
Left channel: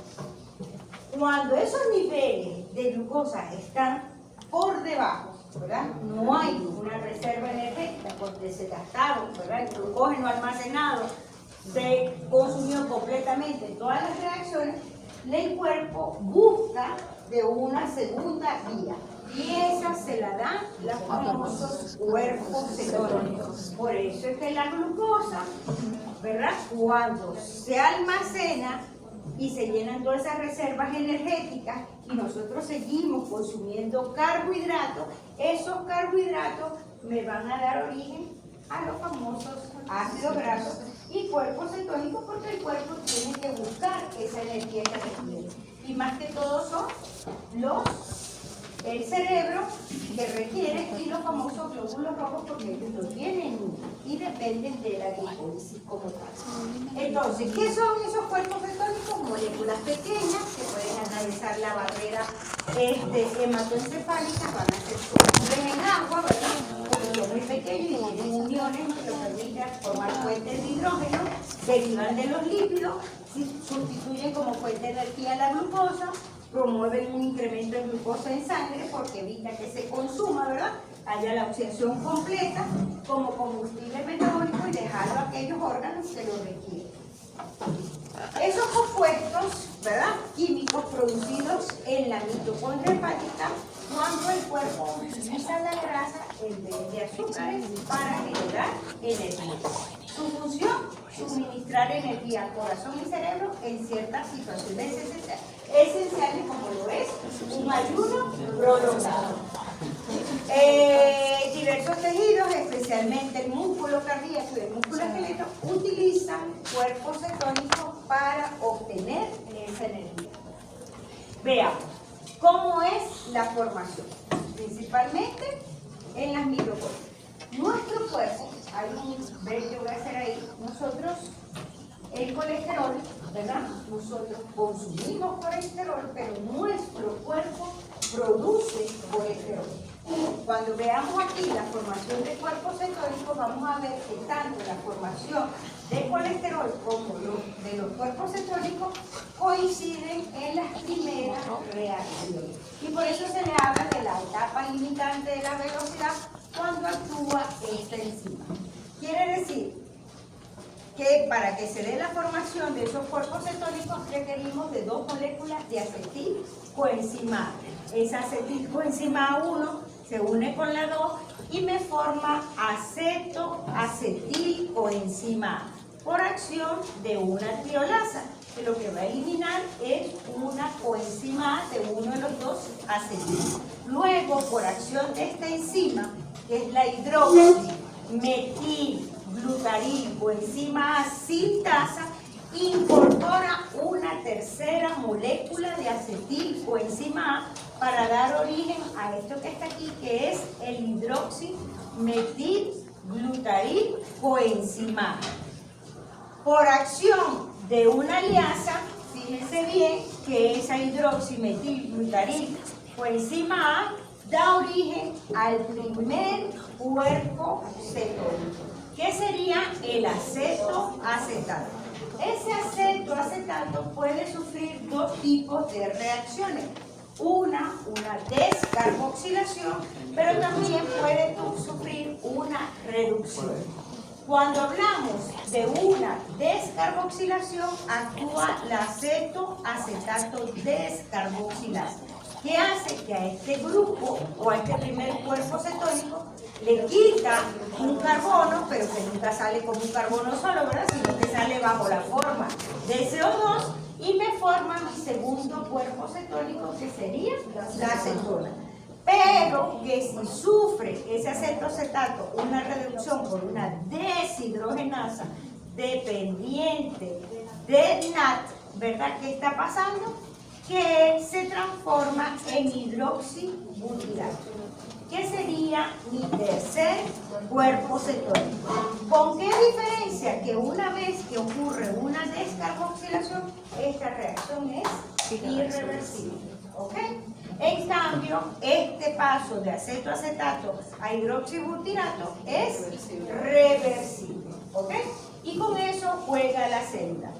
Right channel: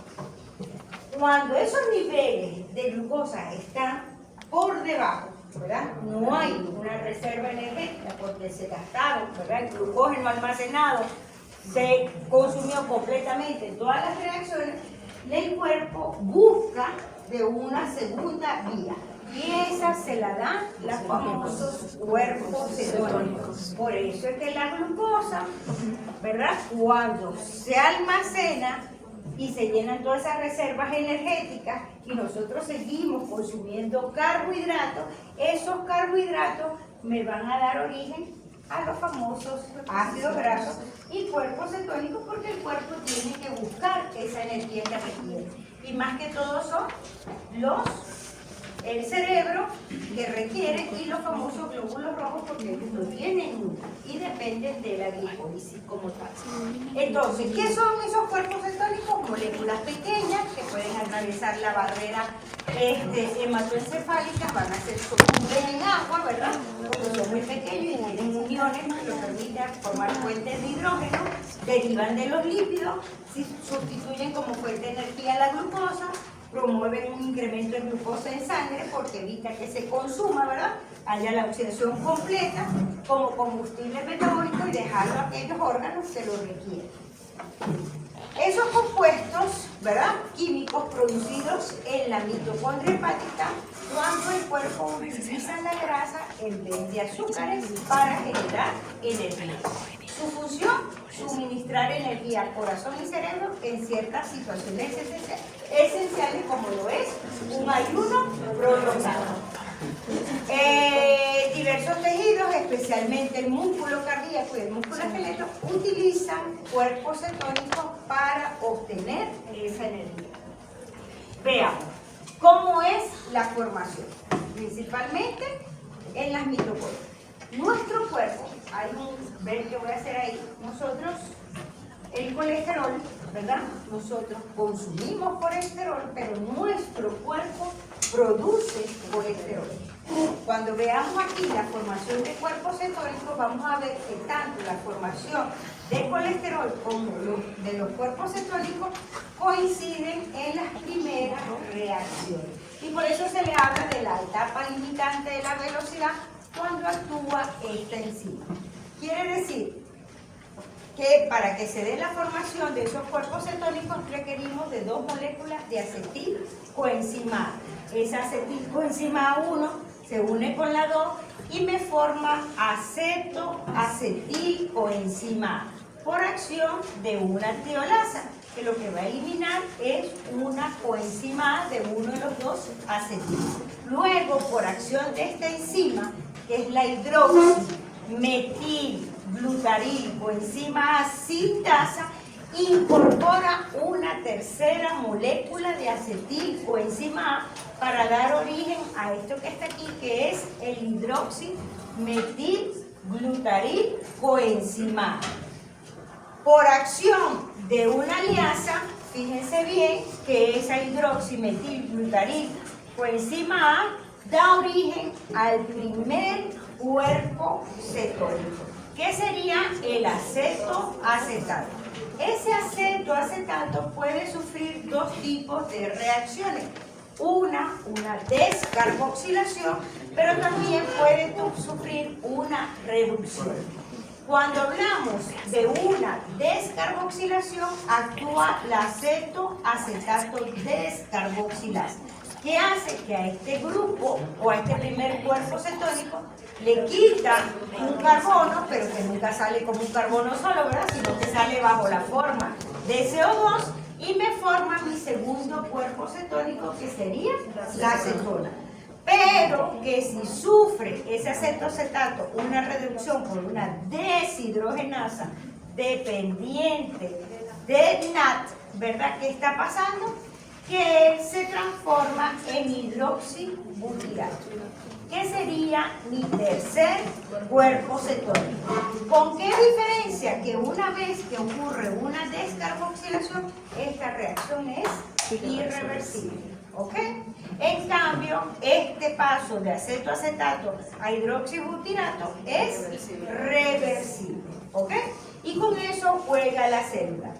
Cuando esos niveles de glucosa están por debajo, ¿verdad? No hay una reserva energética porque se gastaron, ¿verdad? El glucógeno almacenado se consumió completamente en todas las reacciones. El cuerpo busca de una segunda vía y esa se la dan los famosos cuerpos cetónicos. Por eso es que la glucosa, ¿verdad? Cuando se almacena y se llenan todas esas reservas energéticas y nosotros seguimos consumiendo carbohidratos, esos carbohidratos me van a dar origen a los famosos ácidos grasos y cuerpos cetónicos, porque el cuerpo tiene que buscar esa energía que requiere. Y más que todo son el cerebro que requiere y los famosos glóbulos rojos, porque ellos no tienen una y dependen de la glicólisis como tal. Entonces, ¿qué son esos cuerpos cetónicos? Moléculas pequeñas que pueden atravesar la barrera hematoencefálica, van a ser solubles en agua, ¿verdad? Porque son muy pequeños y tienen uniones que permiten formar fuentes de hidrógeno, derivan de los lípidos, sustituyen como fuente de energía la glucosa, promueven un incremento de glucosa en sangre porque evita que se consuma, ¿verdad? Haya la oxidación completa como combustible metabólico y dejarlo a aquellos órganos que lo requieren. Esos compuestos, ¿verdad? Químicos producidos en la mitocondria hepática, cuando el cuerpo utiliza la grasa en vez de azúcares para generar energía. Su función, suministrar energía al corazón y cerebro en ciertas situaciones esenciales como lo es un ayuno prolongado. Diversos esos tejidos, especialmente el músculo cardíaco y el músculo esqueleto, utilizan cuerpos cetónicos para obtener esa energía. Veamos, ¿cómo es la formación? Principalmente en las mitocondrias. Nuestro cuerpo, ven que voy a hacer ahí, nosotros, el colesterol, ¿verdad? Nosotros consumimos colesterol, pero nuestro cuerpo produce colesterol. Cuando veamos aquí la formación de cuerpos cetónicos, vamos a ver que tanto la formación de colesterol como de los cuerpos cetónicos coinciden en las primeras reacciones. Y por eso se le habla de la etapa limitante de la velocidad cuando actúa esta enzima. Quiere decir que para que se dé la formación de esos cuerpos cetónicos requerimos de dos moléculas de acetilcoenzima A. Esa acetilcoenzima 1 se une con la 2 y me forma acetoacetilcoenzima A por acción de una tiolasa, que lo que va a eliminar es una coenzima A de uno de los dos acetil. Luego, por acción de esta enzima, que es la hidroximetilglutarilcoenzima A sintasa, incorpora una tercera molécula de acetilcoenzima A para dar origen a esto que está aquí, que es el hidroximetilglutarilcoenzima A. Por acción de una liasa, fíjense bien que esa hidroximetilglutarilcoenzima A da origen al primer cuerpo cetónico, que sería el acetoacetato. Ese acetoacetato puede sufrir dos tipos de reacciones. Una descarboxilación, pero también puede sufrir una reducción. Cuando hablamos de una descarboxilación, actúa la acetoacetato descarboxilasa, que hace que a este grupo o a este primer cuerpo cetónico le quita un carbono, pero que nunca sale como un carbono solo, ¿verdad? Sino que sale bajo la forma de CO2 y me forma mi segundo cuerpo cetónico, que sería la acetona. Pero que si sufre ese acetoacetato una reducción por una deshidrogenasa dependiente del NAT, ¿verdad? ¿Qué está pasando? Que se transforma en hidroxibutirato, que sería mi tercer cuerpo cetónico. ¿Con qué diferencia? Que una vez que ocurre una descarboxilación, esta reacción es irreversible, ¿ok? En cambio, este paso de acetoacetato a hidroxibutirato es reversible, ¿ok? Y con eso juega la célula.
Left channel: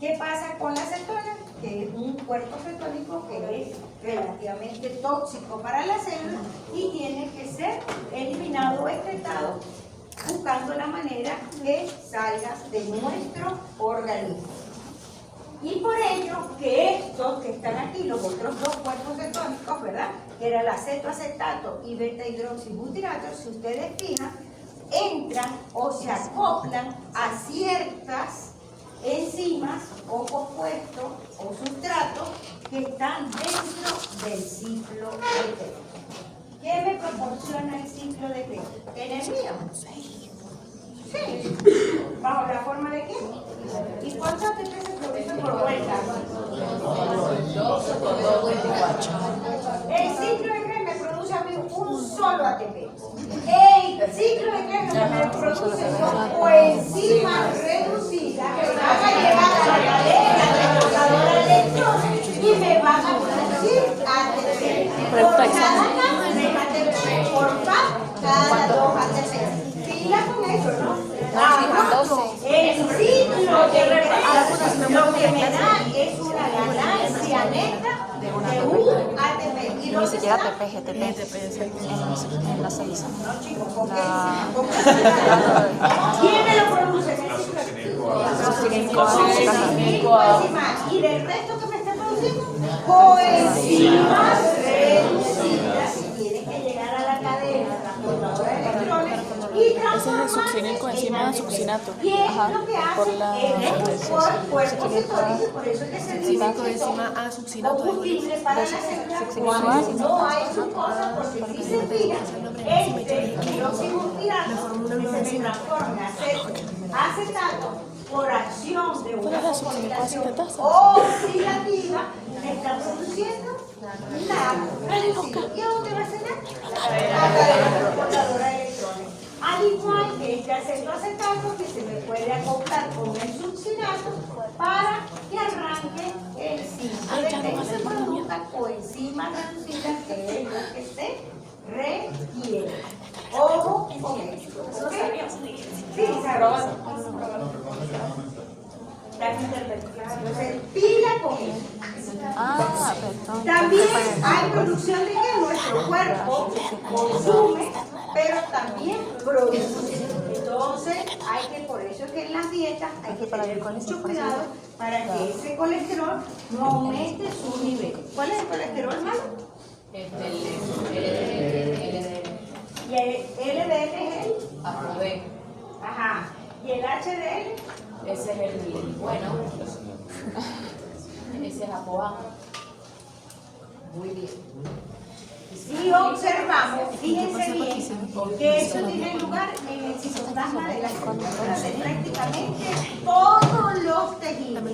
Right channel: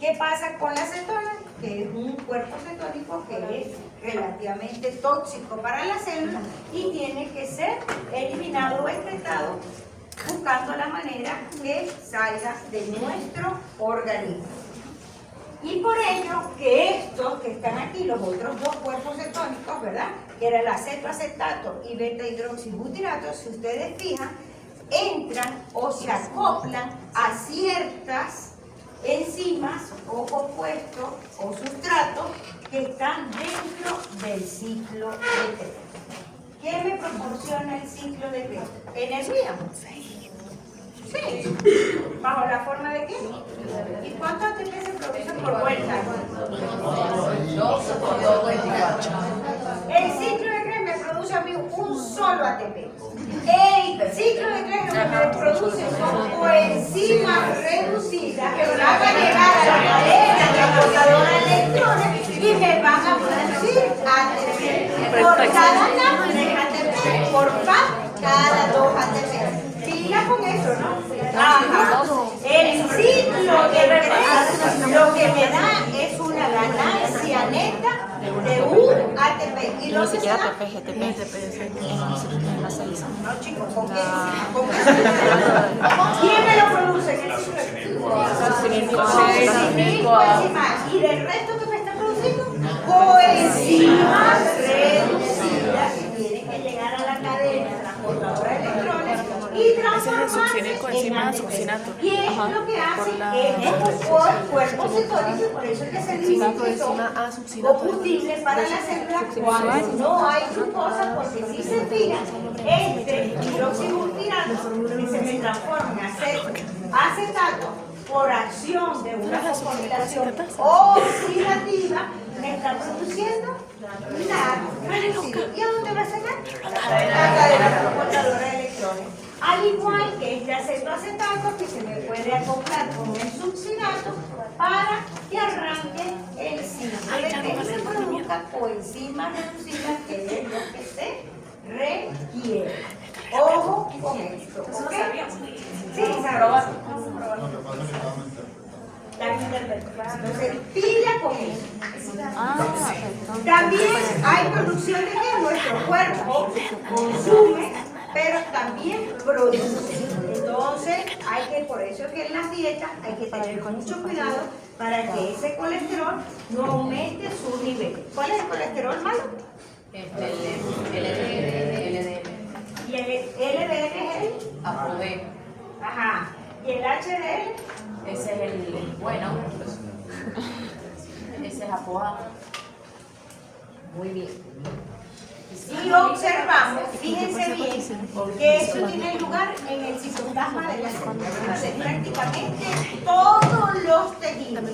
¿Qué pasa con la acetona? Que es un cuerpo cetónico que es relativamente tóxico para la célula y tiene que ser eliminado o excretado buscando la manera que salga de nuestro organismo. Y por ello que estos que están aquí, los otros dos cuerpos cetónicos, ¿verdad? Que era el acetoacetato y beta-hidroxibutirato, si ustedes fijan, entran o se acoplan a ciertas enzimas o compuestos o sustratos que están dentro del ciclo de Krebs. ¿Qué me proporciona el ciclo de Krebs? ¿Energía? Sí. ¿Bajo la forma de qué? ¿Y cuántos ATP se producen por vuelta? El ciclo de Krebs me produce a mí un solo ATP. El ciclo de Krebs me produce son coenzimas reducidas que van a llegar a la cadena transportadora de electrones y me van a producir ATP. Por cada capa de ATP, por PAP, cada 2 ATP. Ya con eso, ¿no? El ciclo de Krebs lo que me da es una ganancia neta de un ATP. ¿Y Ni siquiera ATP, GTP. En la 6. No, chicos, ¿quién me lo produce en el ciclo? Y del resto que me está produciendo, coenzimas reducidas que tienen que llegar a la cadena transportadora de electrones y transformar ese es el succinico encima del succinato. Y es lo que hace es cuerpo cetónico, por eso es que se dice que son Encima a succinato. combustibles para la célula cuando no hay glucosa, porque si se fija, entre hidroxibutyrato que se transforma en acetato por acción de una fosforilación oxidativa, me está produciendo la reducido. ¿Y a dónde va a cenar? A la cadena transportadora de electrones. Al igual que este acetoacetato que se me puede acoplar con el succinato para que arranque el ciclo y se produzca coenzimas reducidas, que es lo que se requiere. Ojo con esto. ¿Ok? Sí, sabroso. Entonces, pila con eso. perfecto. También hay producción de que nuestro cuerpo consume, pero también produce. Entonces, hay que, por eso que en las dietas hay que tener mucho cuidado para que ese colesterol no aumente su nivel. ¿Cuál es el colesterol malo? El LDL. Y el LDL es el. Aprobé. Ajá. ¿Y el HDL? Ese es el bueno. Ese es ApoA. Muy bien. Si observamos, fíjense bien, que eso tiene lugar en el citoplasma de la célula. Entonces, prácticamente todos los tejidos,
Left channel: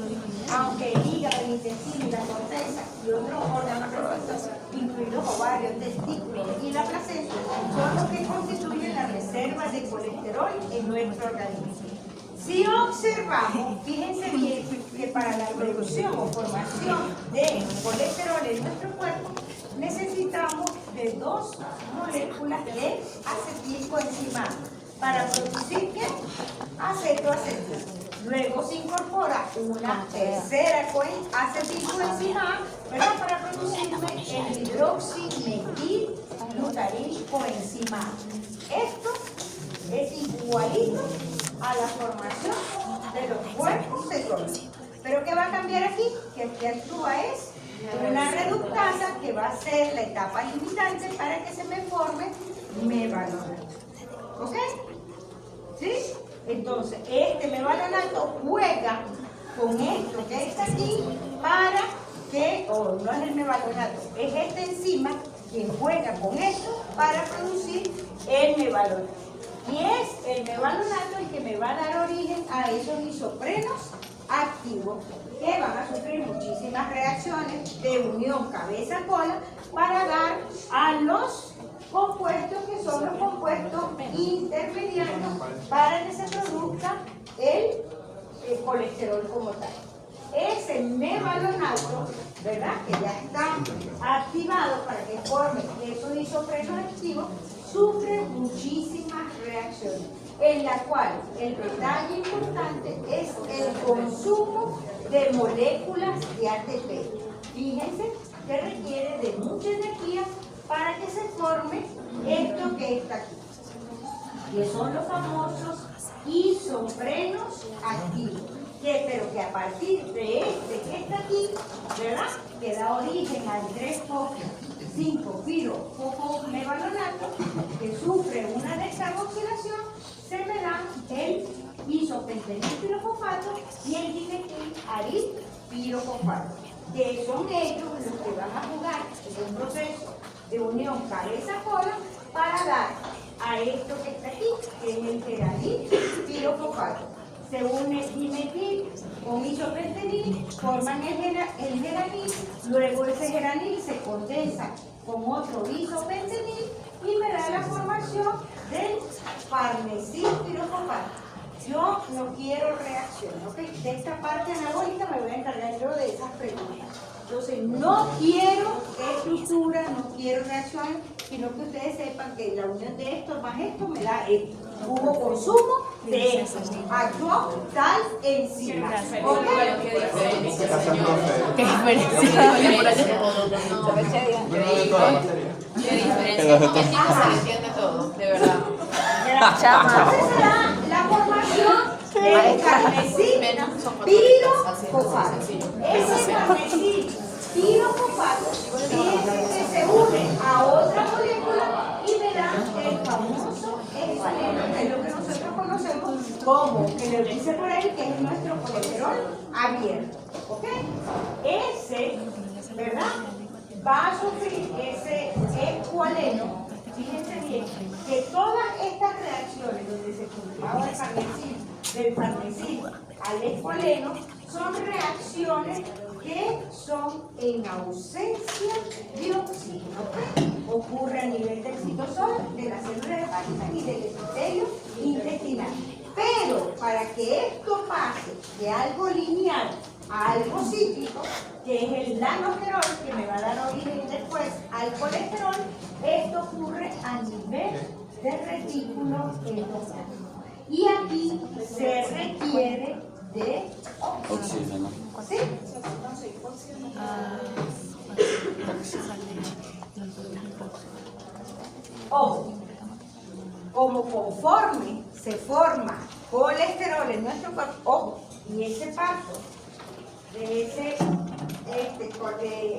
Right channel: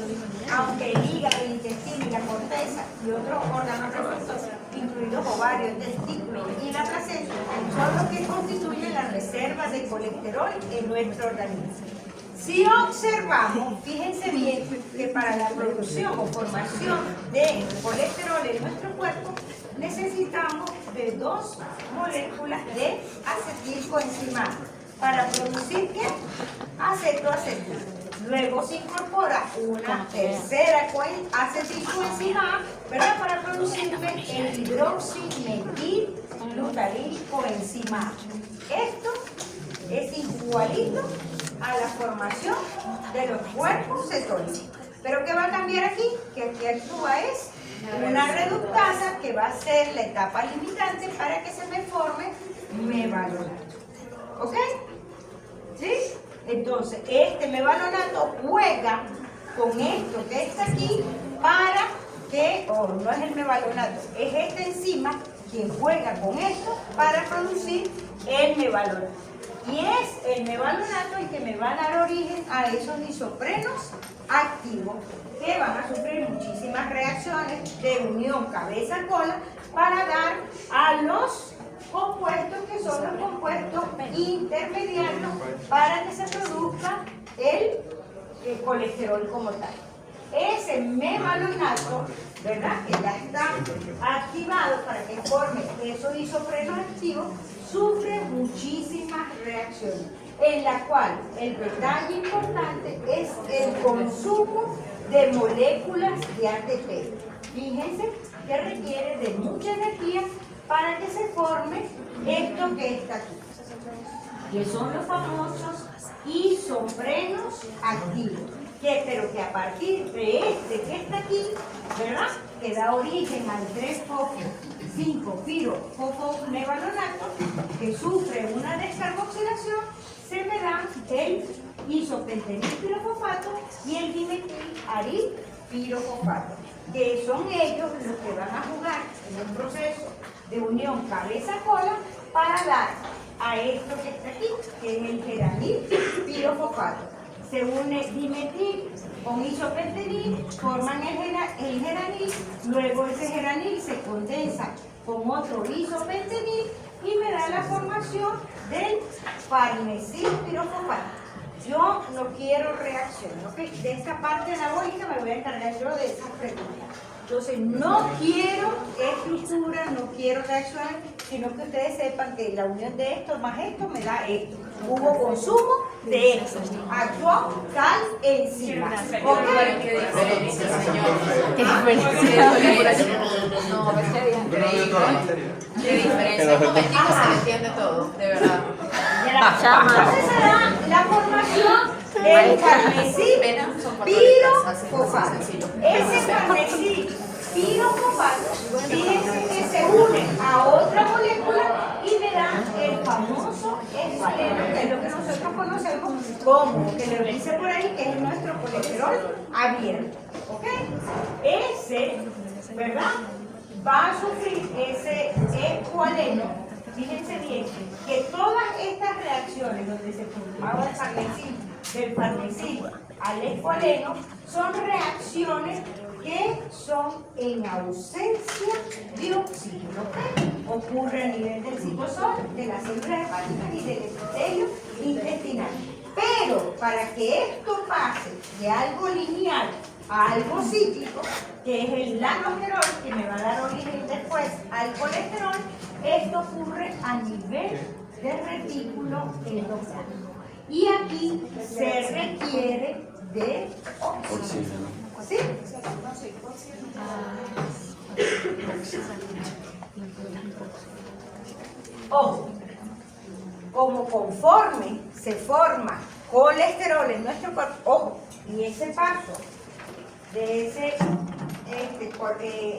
aunque el hígado, el intestino y la corteza y otros órganos reproductores, incluidos ovarios, testículos y la placenta, son los que constituyen la reserva de colesterol en nuestro organismo. Si observamos, fíjense bien que para la producción o formación de colesterol en nuestro cuerpo necesitamos de 2 moléculas de acetilcoenzimasa. ¿Para producir qué? Acetoacetil. Luego se incorpora una tercera acetilcoenzimasa, ¿verdad? Para producirme el hidroximetilglutarilcoenzimasa. Esto es igualito a la formación de los cuerpos cetónicos. ¿Pero qué va a cambiar aquí? Que aquí actúa es una reductasa que va a ser la etapa limitante para que se me forme mevalonato. ¿Ok? ¿Sí? Entonces, este mevalonato juega con esto que está aquí para que, no es el mevalonato, es esta enzima que juega con esto para producir el mevalonato. Y es el mevalonato el que me va a dar origen a esos isoprenos activos que van a sufrir muchísimas reacciones de unión cabeza-cola para dar a los compuestos que son los compuestos intermediarios para que se produzca el colesterol como tal. Ese mevalonato, ¿verdad? Que ya está activado para que forme esos isoprenos activos, sufre muchísimas reacciones, en la cual el detalle importante es el consumo de moléculas de ATP. Fíjense que requiere de mucha energía para que se forme esto que está aquí, que son los famosos isoprenos activos, pero que a partir de este que está aquí, ¿verdad?, que da origen al 3,5-fosfomevalonato, que sufre una descarboxilación, se me da el isopentenilpirofosfato y el dimetilharilpirofosfato, que son ellos los que van a jugar en un proceso de unión cabeza-cola para dar a esto que está aquí, que es el geranilpirofosfato. Se une dimetil con isopentenil, forman el geranil, luego ese geranil se condensa con otro isopentenil y me da la formación del farnesilpirofosfato. Yo no quiero reacción, ¿ok? De esta parte anabólica me voy a encargar yo de esas preguntas. Entonces, no quiero estructura, no quiero reacciones, sino que ustedes sepan que la unión de esto más esto me da esto. Hubo consumo de esto. Actuó tal enzima. ¿Ok? ¿Qué diferencia, señor? ¿Qué diferencia? ¿Qué diferencia? Un momentito se le entiende todo, de verdad. Entonces se da la formación del carmesí pirofosfato. Ese carmesí pirofosfato, fíjense que se une a otra molécula y me da el famoso escualeno, que es lo que nosotros conocemos como, que le dice por ahí, que es nuestro colesterol abierto. ¿Ok? Ese, ¿verdad? Va a sufrir ese escualeno. Fíjense bien, que todas estas reacciones donde se formaba el farnesilo, del farnesilo al escualeno, son reacciones que son en ausencia de oxígeno. ¿Ok? Ocurre a nivel del citosol, de las células hepáticas y del epitelio intestinal. Pero para que esto pase de algo lineal a algo cíclico, que es el lanosterol, que me va a dar origen después al colesterol, esto ocurre a nivel de retículo endoplasmático. Y aquí se requiere de oxígeno. ¿Sí? Ojo, como conforme se forma colesterol en nuestro cuerpo, ojo, y ese paso de ese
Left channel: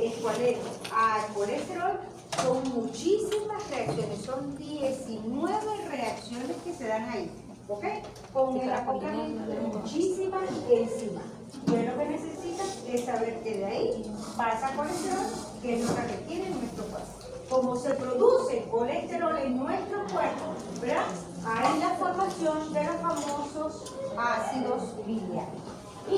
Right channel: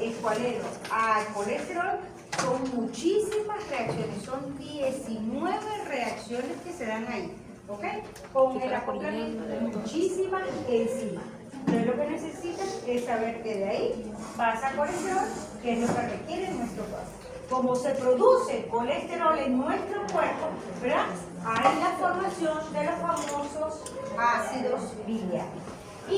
escualeno al colesterol son muchísimas reacciones, son 19 reacciones que se dan ahí, ¿ok? Con el acoplamiento de muchísimas enzimas. Entonces lo que necesitas es saber que de ahí pasa colesterol, que es lo que requiere nuestro cuerpo. Como se produce colesterol en nuestro cuerpo, ¿verdad? Hay la formación de los famosos ácidos biliares.